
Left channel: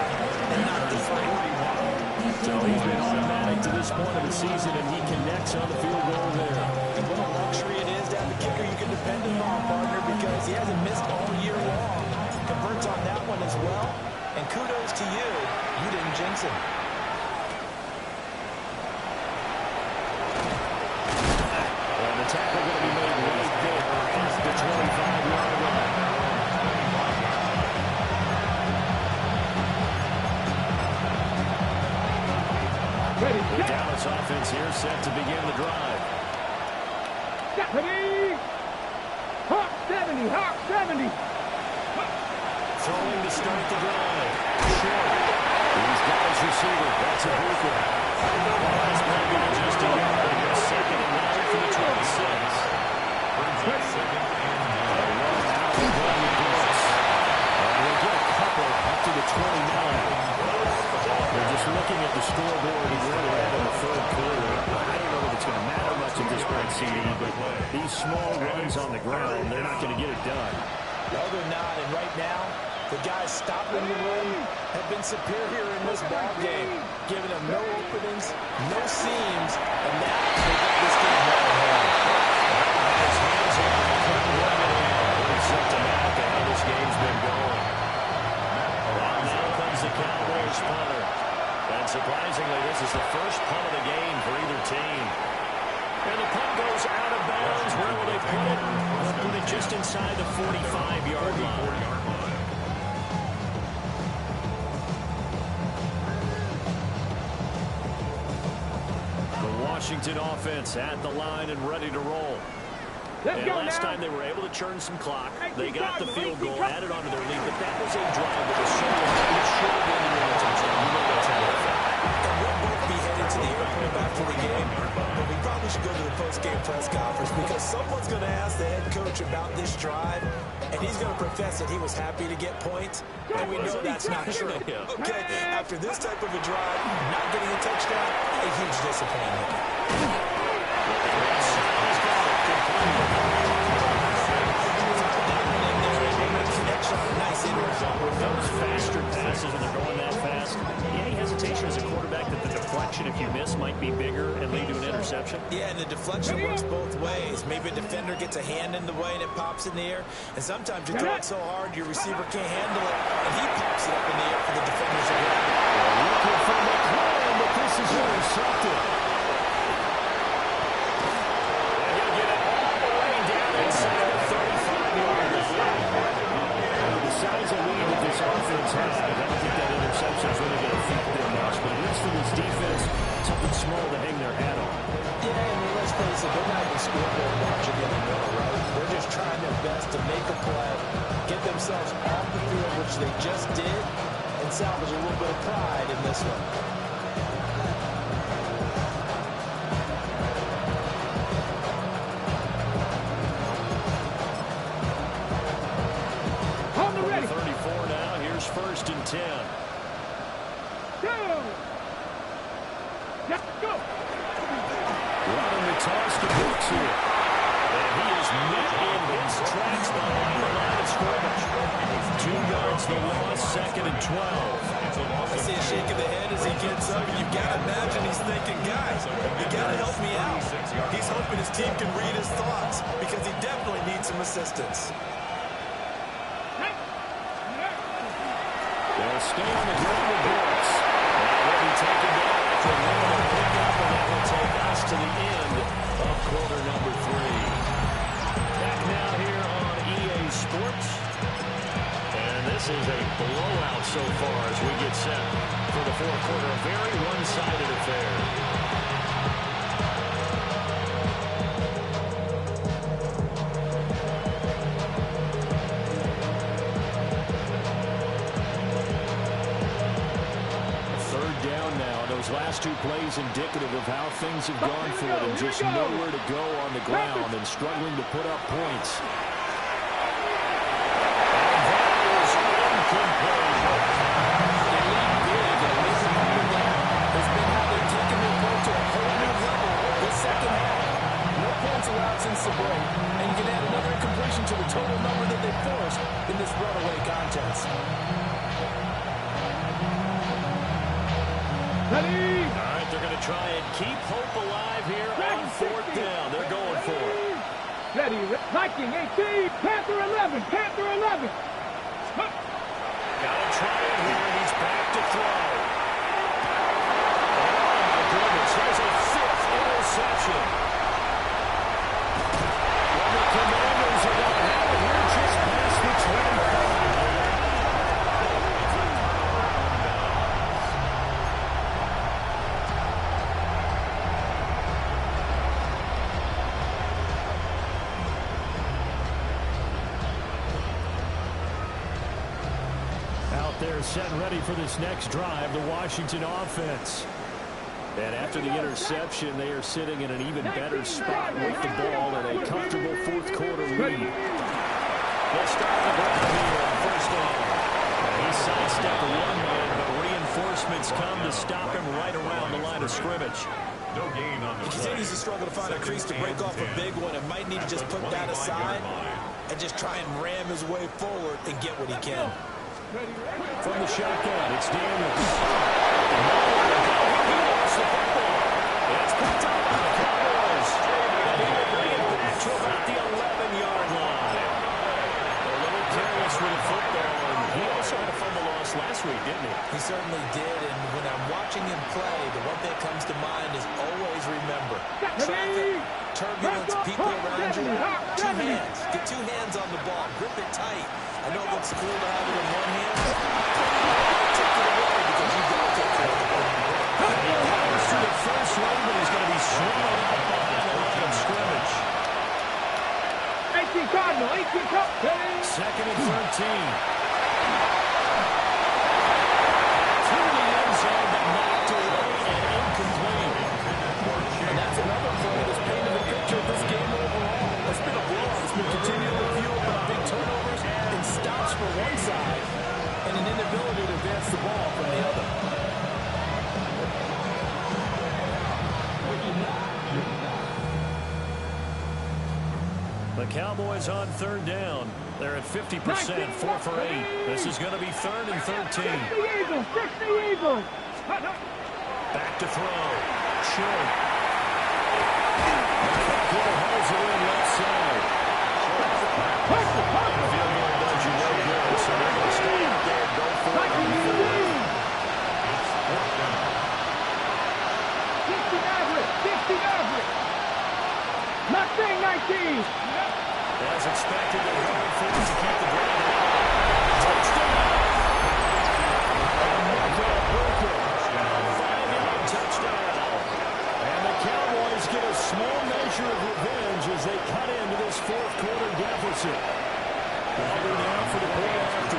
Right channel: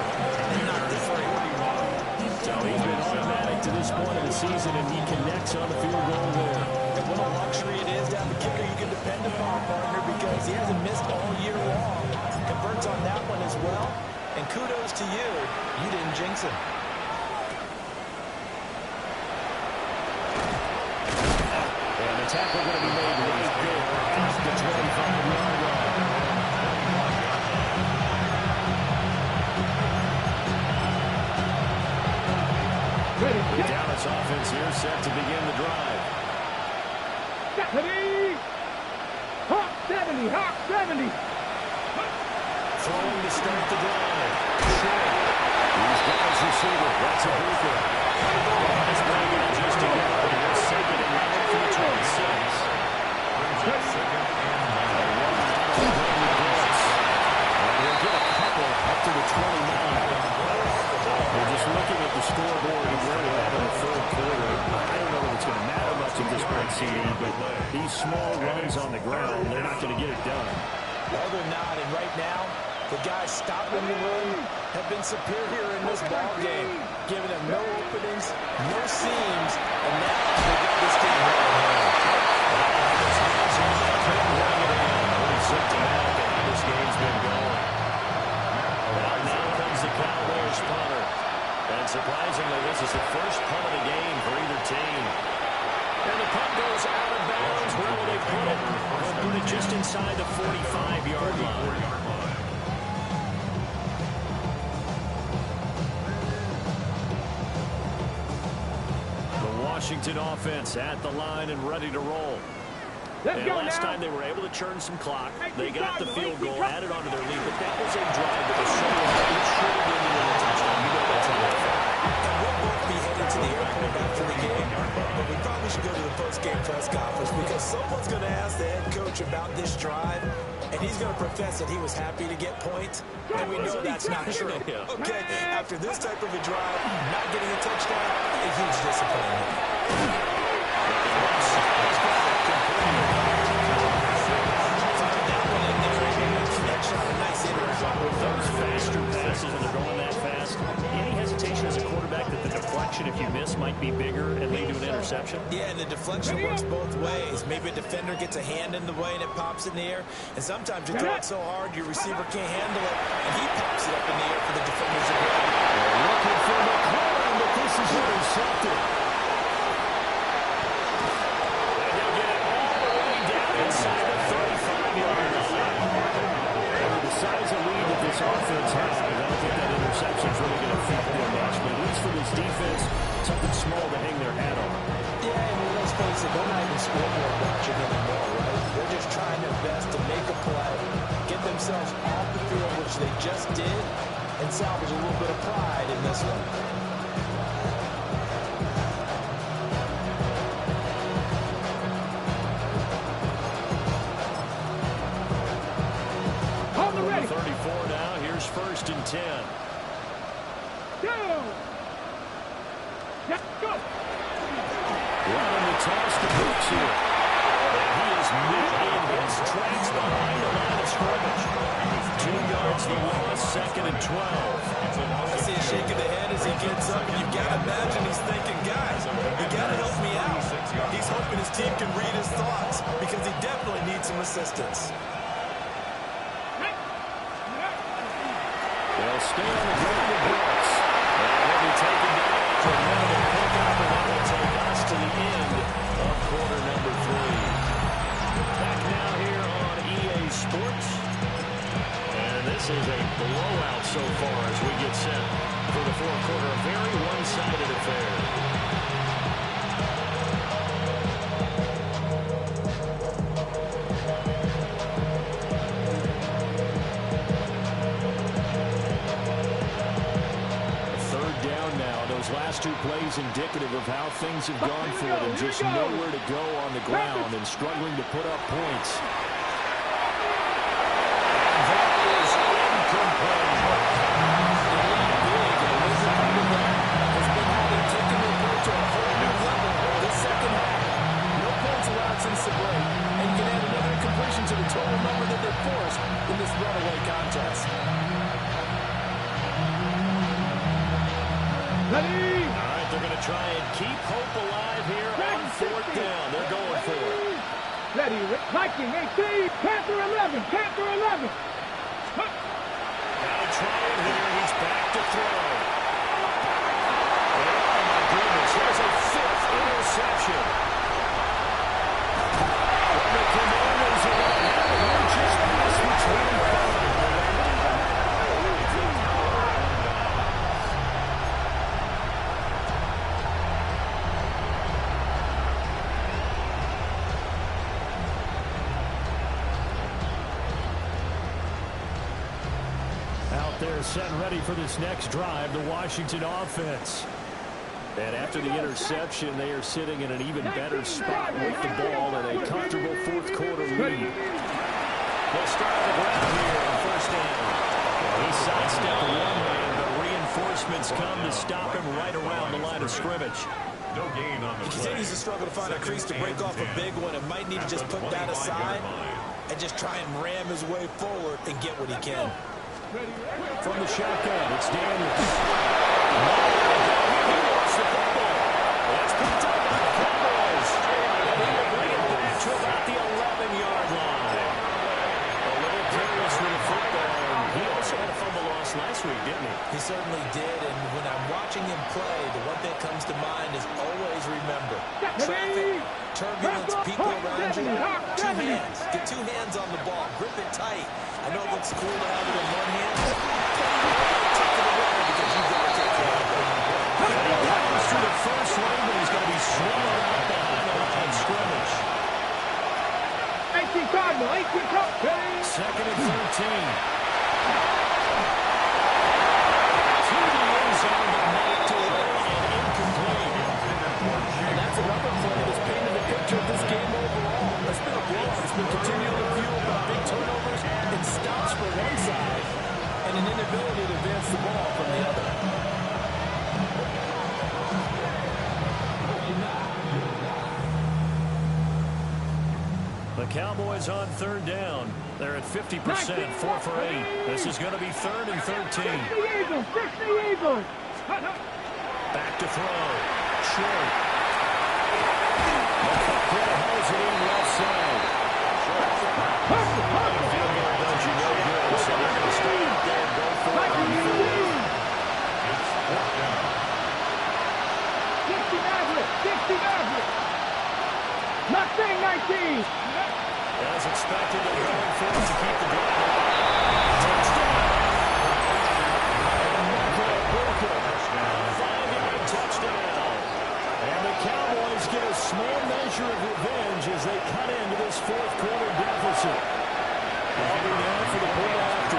and not deflate. So he's been automatic to this point of the season, and he connects on the field goal there. And what a luxury it is to have a kicker you can depend upon, partner, because he hasn't missed all year long. Converts on that one as well, and kudos to you. You didn't jinx him. And the tackle going to be made right there at the 25-yard line. Ready. The Dallas offense here set to begin the drive. 70. Hawk 70. Hawk 70. Throwing to start the drive. Short. He's got his receiver. That's a Buka. That's playing it just a yard. Here's 2nd and 9 for the 26. Brings up 2nd and 9. And we'll get a couple up to the 29. We're just looking at the scoreboard and where we're at in the third quarter. I don't know that it's going to matter much at this point, CD, but these small runs on the ground, they're not going to get it done. No, they're not. And right now, the guys stopping the run have been superior in this ball game, giving them no openings, no seams, and now they got this game well in hand. His hands here, they couldn't bring it in. Pretty symptomatic of how this game's been going. And now comes the Cowboys punter. And surprisingly, this is the first punt of the game for either team. And the punt goes out of bounds. Where will they put it? They'll put it just inside the 45-yard line. The Washington offense at the line and ready to roll. And last time they were able to churn some clock. They got the field goal, added onto their lead, but that was a drive that was so long, it should have ended in a touchdown. You know that's how it felt. And we'll both be headed to the airport after the game, but we probably should go to the post-game press conference because someone's going to ask the head coach about this drive, and he's going to profess that he was happy to get points, and we know that's not true. Okay, after this type of a drive, not getting a touchdown, a huge disappointment. Those faster passes, and they're going that fast. Any hesitation as a quarterback that the deflection, if you miss, might be bigger and lead to an interception? Yeah, and the deflection works both ways. Maybe a defender gets a hand in the way and it pops in the air. And sometimes you throw it so hard your receiver can't handle it, and he pops it up in the air for the defenders to grab it. They're looking for McLaurin, but this is intercepted. And he'll get it all the way down inside the 35-yard line. The size of lead that this offense has, I don't think that interception is really going to affect them much, but at least for this defense, something small to hang their hat on. Yeah, I mean, let's face it, they're not even scoreboard watching anymore, right? They're just trying their best to make a play, get themselves off the field, which they just did, and salvage a little bit of pride in this one. From the 34 now, here's 1st and 10. Go! Go! Running the toss to Brooks here. And he is met in his tracks behind the line of scrimmage. 2 yards the loss, 2nd and 12. I see a shake of the head as he gets up, and you've got to imagine he's thinking, guys, you got to help me out. He's hoping his team can read his thoughts because he definitely needs some assistance. They'll stay on the ground with Brooks. And he'll be taken down after a minimal pickup, and that will take us to the end of quarter number 3. Back now here on EA Sports. And this is a blowout so far as we get set for the fourth quarter. A very one-sided affair. Those last two plays indicative of how things have gone for them. Just nowhere to go on the ground and struggling to put up points. And that is incomplete. They lead big, and a major part of that has been how they've taken their play to a whole new level this second half. No points allowed since the break, and you can add another incompletion to the total number that they forced in this runaway contest. Ready? All right, they're going to try and keep hope alive here on fourth down. They're going for it. Ready, Viking 18, Panther 11, Panther 11. Got to try it here. He's back to throw. And oh, my goodness, here's a fifth interception. Well, the Commanders are going to have it here just past the 25. Out there set ready for this next drive, the Washington offense. And after the interception, they are sitting in an even better spot with the ball and a comfortable fourth quarter lead. They'll start on the ground here on first down. He sidestepped one man, but reinforcements come to stop him right around the line of scrimmage. No gain on the He continues to struggle to find a crease to break off a big one and might need to just put that aside and just try and ram his way forward and get what he can. From the shotgun, it's Daniels. Nowhere to go. He lost the football. It's picked up by the Cowboys. And he will bring it back to about the 11-yard line. A little careless with the football. And he also had a fumble loss last week, didn't he? He certainly did, and when I'm watching him play, the one thing that comes to mind is always remember. Traffic, turbulence, people around you, two hands. Get two hands on the ball. Grip it tight. I know it looks cool to have it in one hand, but take it away because you've got to take care of it. And he powers through the first lane, but he's going to be swallowed up behind the line of scrimmage. 18 Cardinal, 18 Cardinal. Second and 13. To the end zone, but knocked away and incomplete. And that's another play that's painted the picture of this game overall. It's been a blowout. It's been continually fueled by big turnovers and stops for one side and an inability to advance the ball from the other. The Cowboys on third down. They're at 50%, 4 for 8. This is going to be third and 13. 60 Eagles, 60 Eagles. Back to throw. Short. McCutcheon holds it in left side. Field goal does you no good, so they're going to stay out there and go for it on fourth. It's fourth down. 60 Maverick, 60 Maverick. Mustang 19. As expected, they're going for it to keep the drive alive. Touchdown! Touchdown. 5-yard touchdown. And the Cowboys get a small measure of revenge as they cut into this fourth quarter deficit. Auburn now for the point after.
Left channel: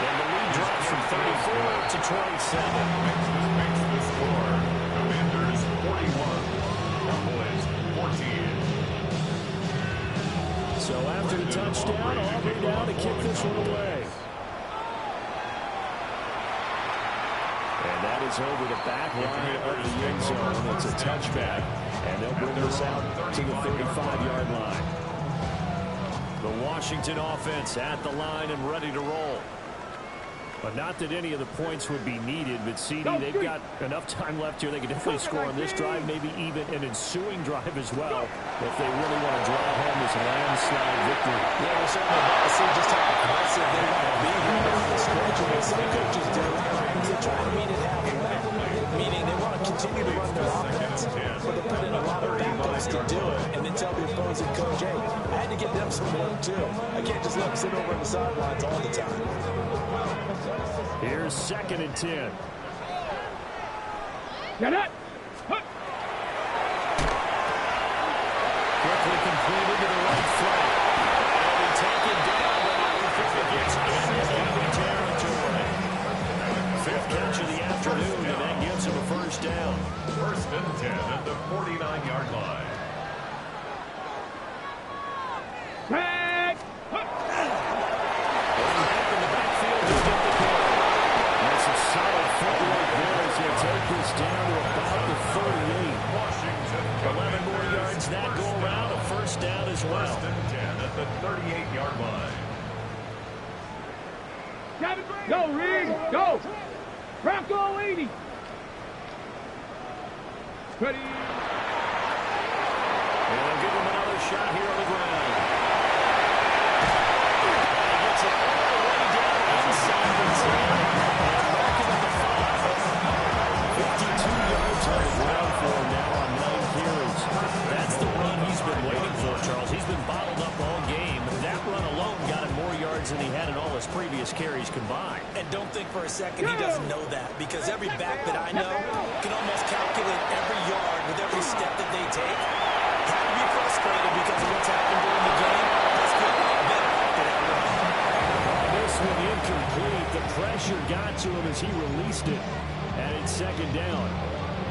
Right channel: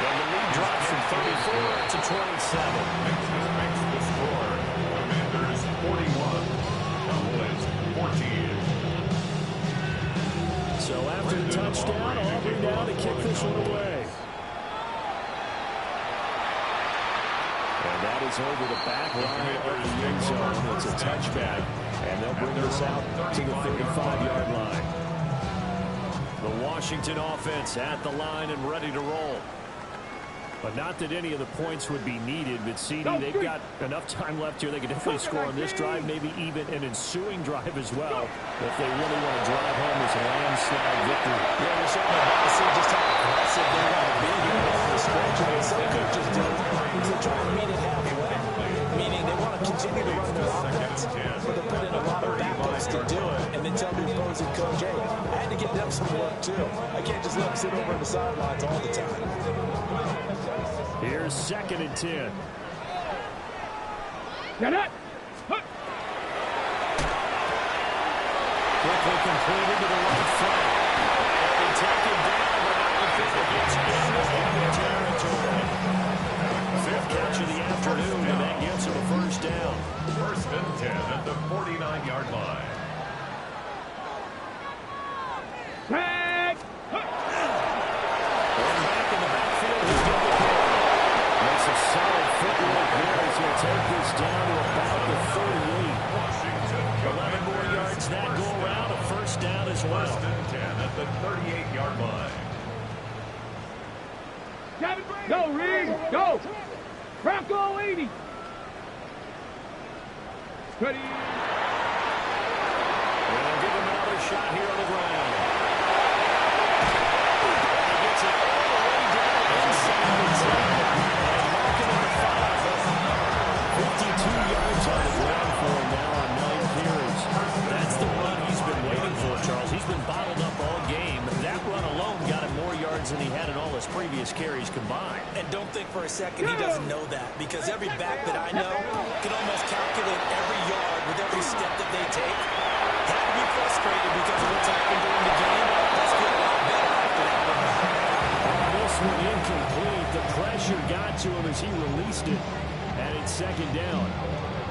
And the lead drops from 34 to 27. Makes the score. Commanders 41. Cowboys 14. So after the touchdown, Auburn now to kick this one away. And that is over the back line of the end zone. It's a touchback, and they'll bring this out to the 35-yard line. The Washington offense at the line and ready to roll. But not that any of the points would be needed, but CD, they've got enough time left here. They can definitely score on this drive, maybe even an ensuing drive as well, if they really want to drive home this landslide victory. Yeah, we're certainly about to see just how aggressive they want to be here down the stretch. And what some coaches do is they try to meet it halfway, meaning they want to continue to run their offense, but they put in a lot of backups to do it, and then tell the opposing coach, hey, I had to get them some work too. I can't just let them sit over on the sidelines all the time. Here's second and 10. Get it. Quickly completed to the right flank. And he'll be taken down, but not before it gets into enemy territory. fifth catch of the afternoon, and that gives him a first down. First and 10 at the 49-yard line. Back. Going back in the backfield, he'll get the carry. Makes a solid footwork there as he'll take this down to about the 38. Washington 11 more yards that go around, a first down as well. First and 10 at the 38-yard line. Go, Reed. Go. Bronco 80. Ready. And they'll give him another shot here on the ground. And he gets it all the way down inside the 10 and marking at the 5. 52 yards on the ground for him now on 9 carries. That's the run he's been waiting for, Charles. He's been bottled up all game. That run alone got him more yards than he had in all his previous carries combined. And don't think for a second he doesn't know that, because every back that I know can almost calculate every yard with every step that they take. Had to be frustrated because of what's happened during the game. Let's feel a lot better after that run. Oh, this one incomplete. The pressure got to him as he released it. And it's second down.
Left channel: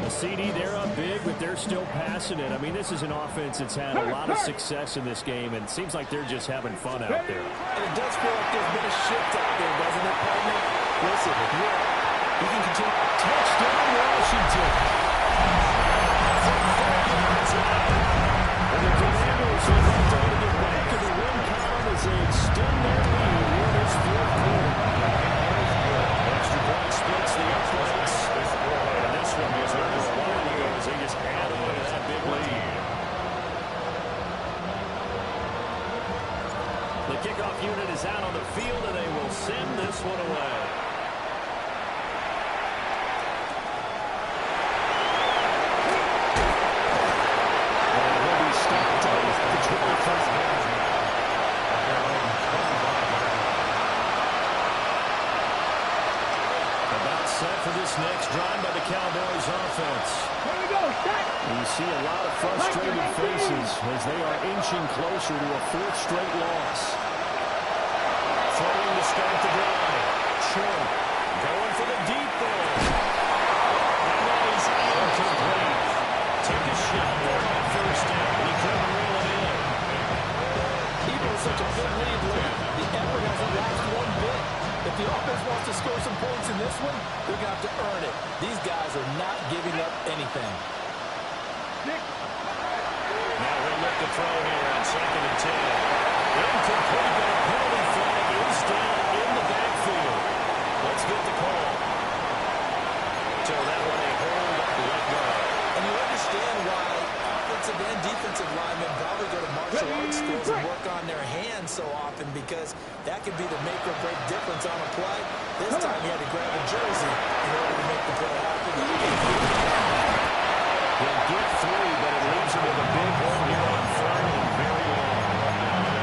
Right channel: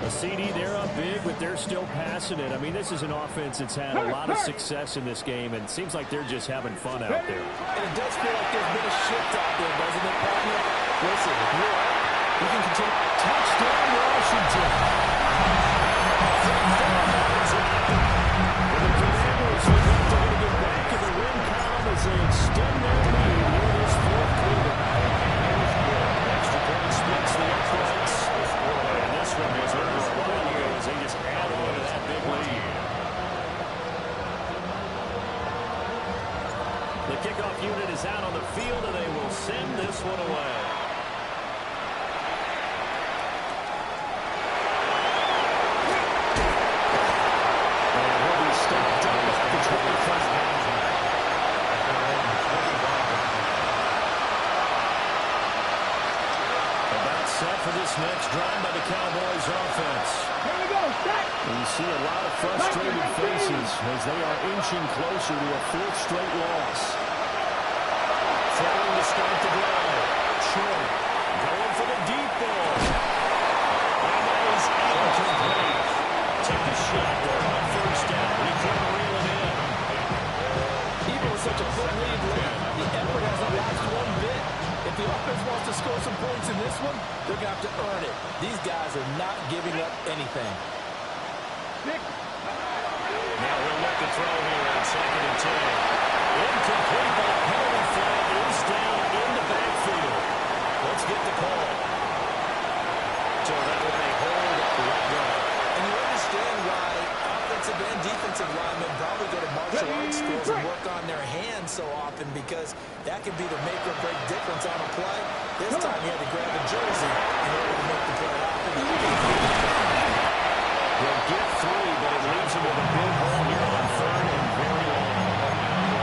A CD, they're up big, but they're still passing it. I mean, this is an offense that's had a lot of success in this game, and it seems like they're just having fun out there. And it does feel like there's been a shift out there, doesn't it, partner? Listen, if you're up, you can continue. Touchdown, Washington. And the Commanders would like to get back in the win column as they extend their lead here in this fourth quarter. Extra point splits the uprights. And this one was over a while ago as they just add on to that big lead. The kickoff unit is out on the field, and they will send this one away. And he'll be stopped up at the 25. About set for this next drive by the Cowboys offense. Here we go. Stack. And you see a lot of frustrated faces as they are inching closer to a fourth straight loss. Throwing to start the drive. Short. Going for the deep ball. And that is incomplete. Took a shot there on first down, but he couldn't reel it in. Even with such a big lead late, the effort hasn't lapsed one bit. If the offense wants to score some points in this one, they're going to have to earn it. These guys are not giving up anything. Now we'll look to throw here on second and 10. Incomplete, but a penalty flag is down in the backfield. Let's get the call. So that one a hold right guard. And you understand why offensive and defensive linemen probably go to martial arts schools and work on their hands so often, because that can be the make or break difference on a play. This time he had to grab a jersey in order to make the play happen. He'll get 3, but it leaves him with a big hole here on third and very long.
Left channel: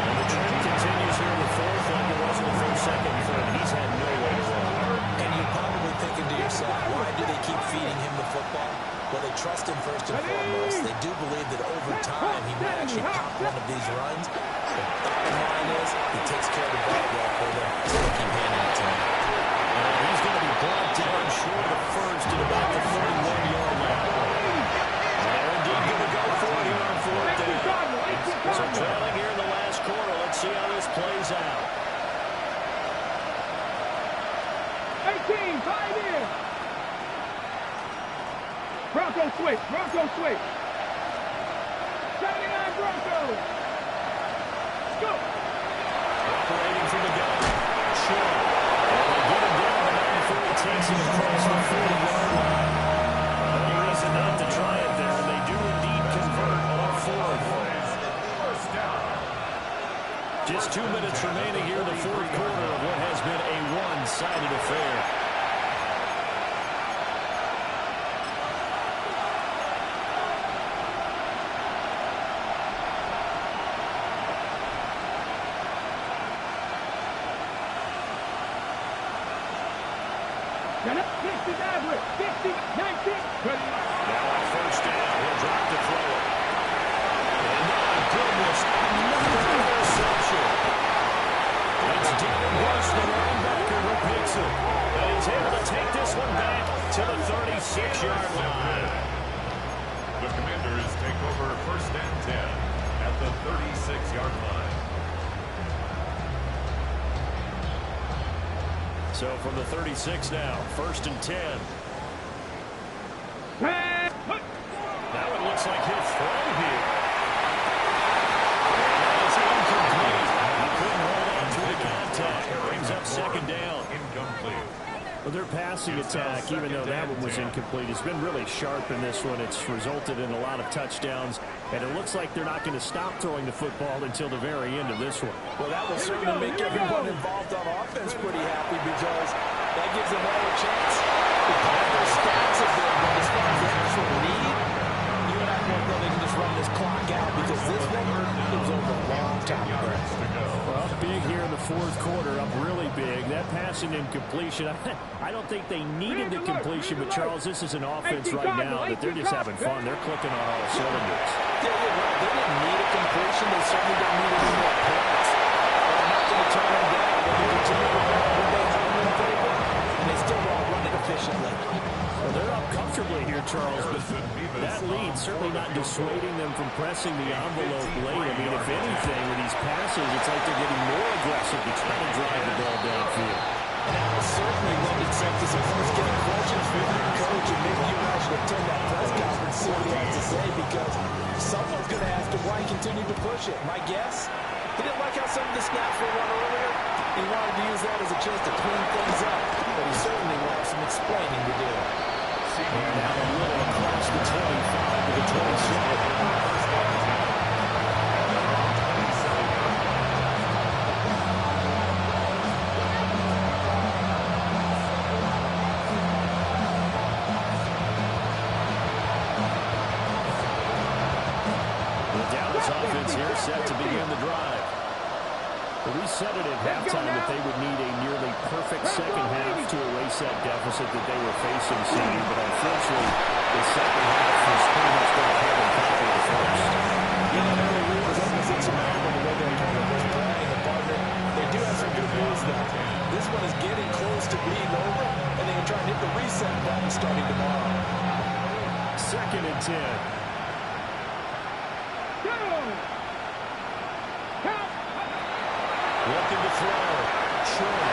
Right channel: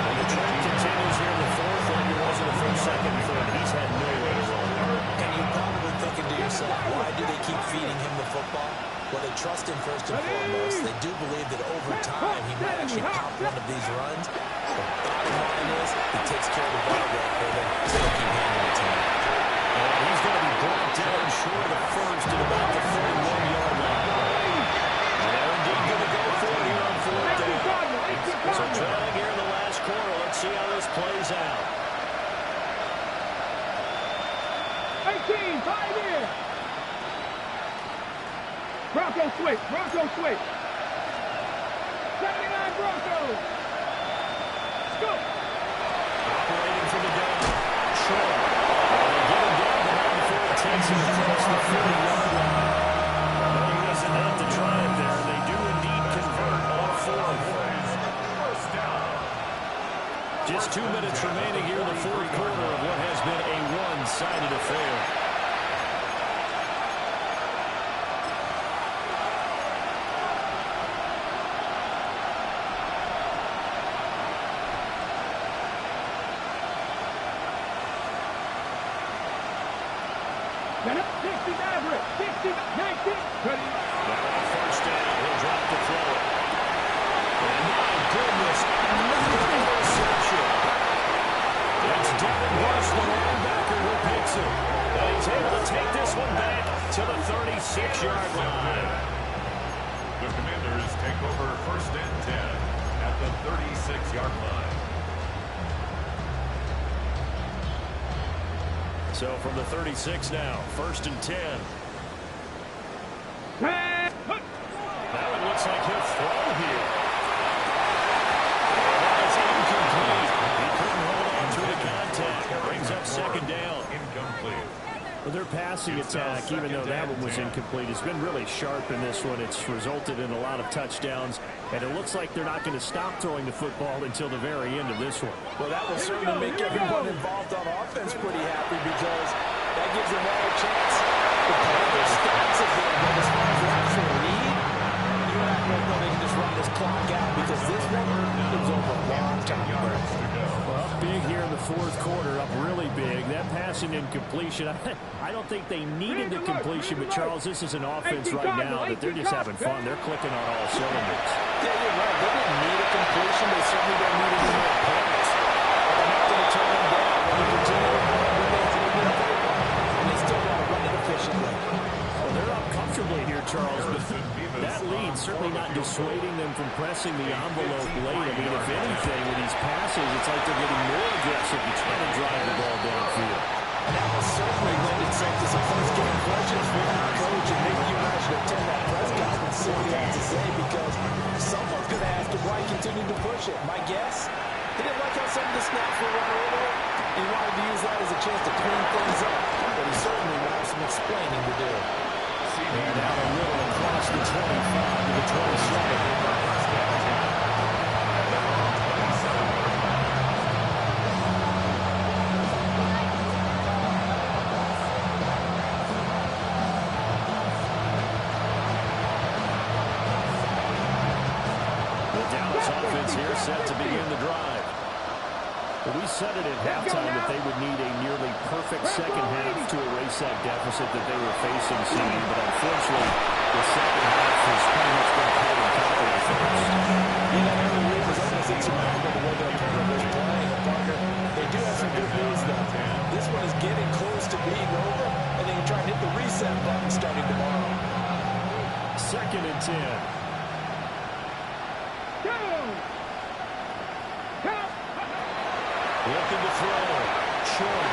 And the trend continues here in the fourth like it was in the first, second, and third. He's had nowhere to run. And you're probably thinking to yourself, why do they keep feeding him the football? Well, they trust him first and foremost. They do believe that over time he might actually pop one of these runs. The bottom line is he takes care of the ball well for them, so they keep handing it to him. And he's going to be brought down short of the first at about the 31-yard line. And they're indeed going to go for it here on fourth down. So trailing here in the last quarter. Let's see how this plays out. 18, 5 in. Bronco switch. Bronco switch. 79 Broncos. Let's go. Operating from the gun. Short. And they get him down the 94. It takes him across the 40-yard line. No reason not to try it there. They do indeed convert on fourth. Just 2 minutes remaining here in the fourth quarter of what has been a one-sided affair. Got up. 60 average. 60, 19. Ready. Now on first down, he'll drop to throw it. And my goodness, another interception. It's Devin Bush, the linebacker, who picks it. And he's able to take this this one back to the 36-yard line. The Commanders take over 1st and 10 at the 36-yard line. So from the 36 now, 1st and 10. Now it looks like he'll throw here. And that is incomplete. He couldn't hold on through the contact. Brings up 2nd down. Incomplete. Well, their passing attack, even though that one was incomplete, has been really sharp in this one. It's resulted in a lot of touchdowns, and it looks like they're not going to stop throwing the football until the very end of this one. Well, that will certainly make everyone involved on offense pretty happy because that gives them all a chance to put their stats a bit. But as far as the actual lead, you and I both know they can just run this clock out because this one was over a long time ago. Well, big here in the 4th quarter, up really big. That passing incompletion, I don't think they needed the completion, but Charles, this is an offense right now that they're just having fun. They're clicking on all cylinders. Yeah, you're right. They didn't need a completion. They certainly don't need any more points. But they're not going to turn them down. They can continue to run where they have in the table, and they still want to run it efficiently. Well, they're up comfortably here, Charles, but that lead certainly not dissuading them from pressing the envelope late. I mean, if anything, with these passes, it's like they're getting more aggressive to try to drive the ball downfield. And that will certainly lend itself to some first-game questions for your coach, and maybe you guys should attend that press conference, see what he has to say, because someone's going to ask him why he continued to push it. My guess, he didn't like how some of the snaps were run earlier. He wanted to use that as a chance to clean things up, but he certainly will have some explaining to do. And out a little across the 25 to the 27. Offense here set to begin the drive. But we said it at halftime that they would need a nearly perfect second half to erase that deficit that they were facing, CD. But unfortunately, the second half was pretty much going to hold them copy the first. Yeah, that early lead was almost insurmountable the way their opponent was playing. And partner, they do have some good news though. This one is getting close to being over, and they can try and hit the reset button starting tomorrow. 2nd and 10. Looking to throw. Short.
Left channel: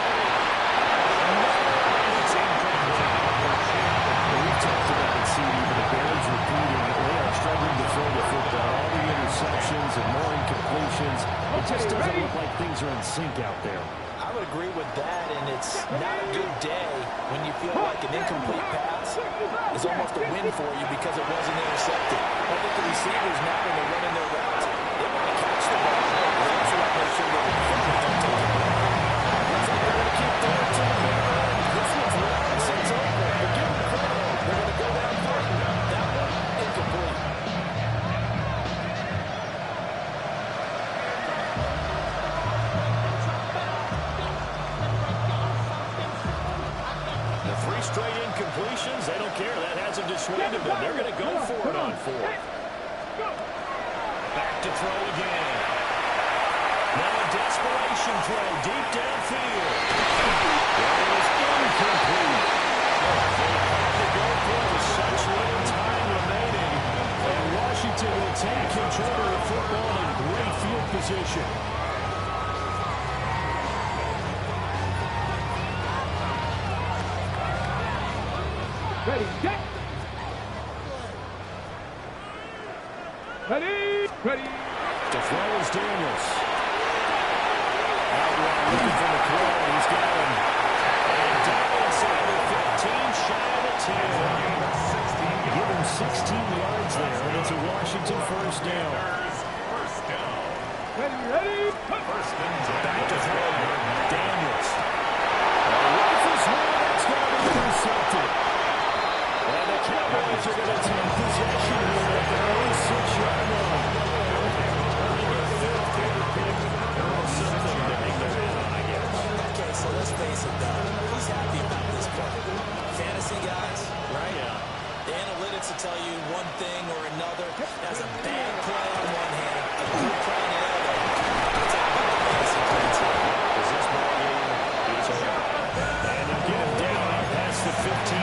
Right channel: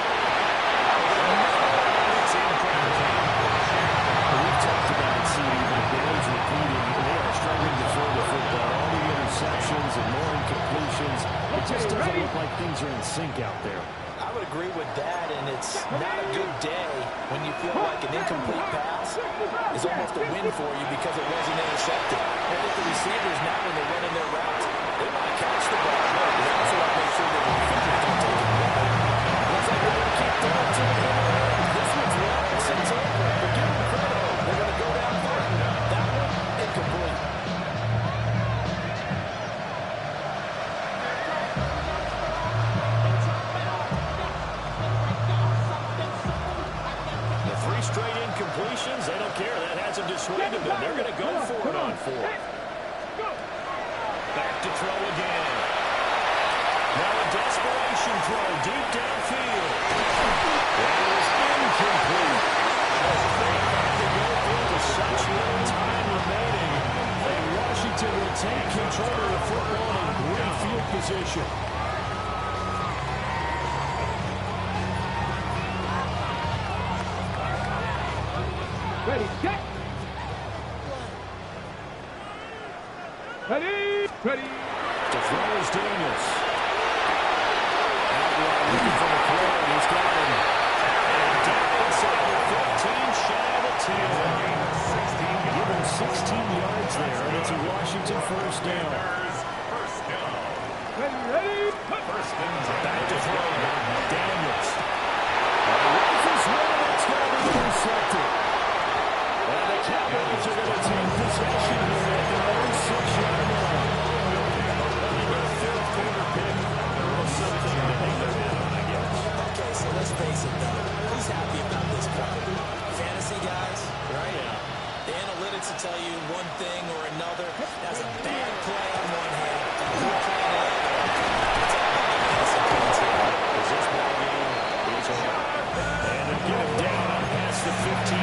It's incomplete. We've talked about it, CD, but it bears repeating. They are struggling to throw the football. All the interceptions and more incompletions. It just doesn't look like things are in sync out there. I would agree with that, and it's not a good day when you feel like an incomplete pass is almost a win for you because it wasn't intercepted. I think the receivers now, when they're running their routes, they want to catch the ball. They also want to make sure that the defenders don't take it away. Looks like they're going to keep throwing to the middle. This one's long since over, but give them credit. They're going to go down for it. That one, incomplete. Three straight incompletions. They don't care. That hasn't dissuaded them. They're going to go for it on 4th. Back to throw again. Now a desperation throw deep downfield. That is incomplete. They had to go through with such little time remaining. And Washington will take control of the football in great field position. Ready, set. Ready, ready. To throw is Daniels. Outlaw looking for the throw, and he's got him. And down inside the 15, shy of the 10. Give him 16 yards there, and it's a Washington first down. Ready, ready. Back to throw. Daniels. Rifles one, that's going to be intercepted. And the Cowboys are going to take possession here at their own 6-yard line. Well, they get a 5th quarter pick. They're all something to hang their hat on, I guess. Okay, so let's face it, though. Who's happy about this play? Fantasy guys, right? Yeah. The analytics will tell you one thing or another. That's a bad play on one hand, a good play on the other. It's all about the fantasy points here. Because this ball game is over. And they'll get him down out past the 15.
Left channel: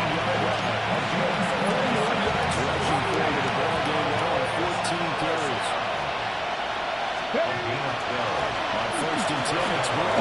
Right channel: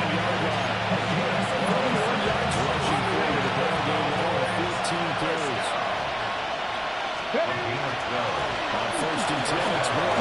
A gain of 12. On 1st and 10, it's Moore.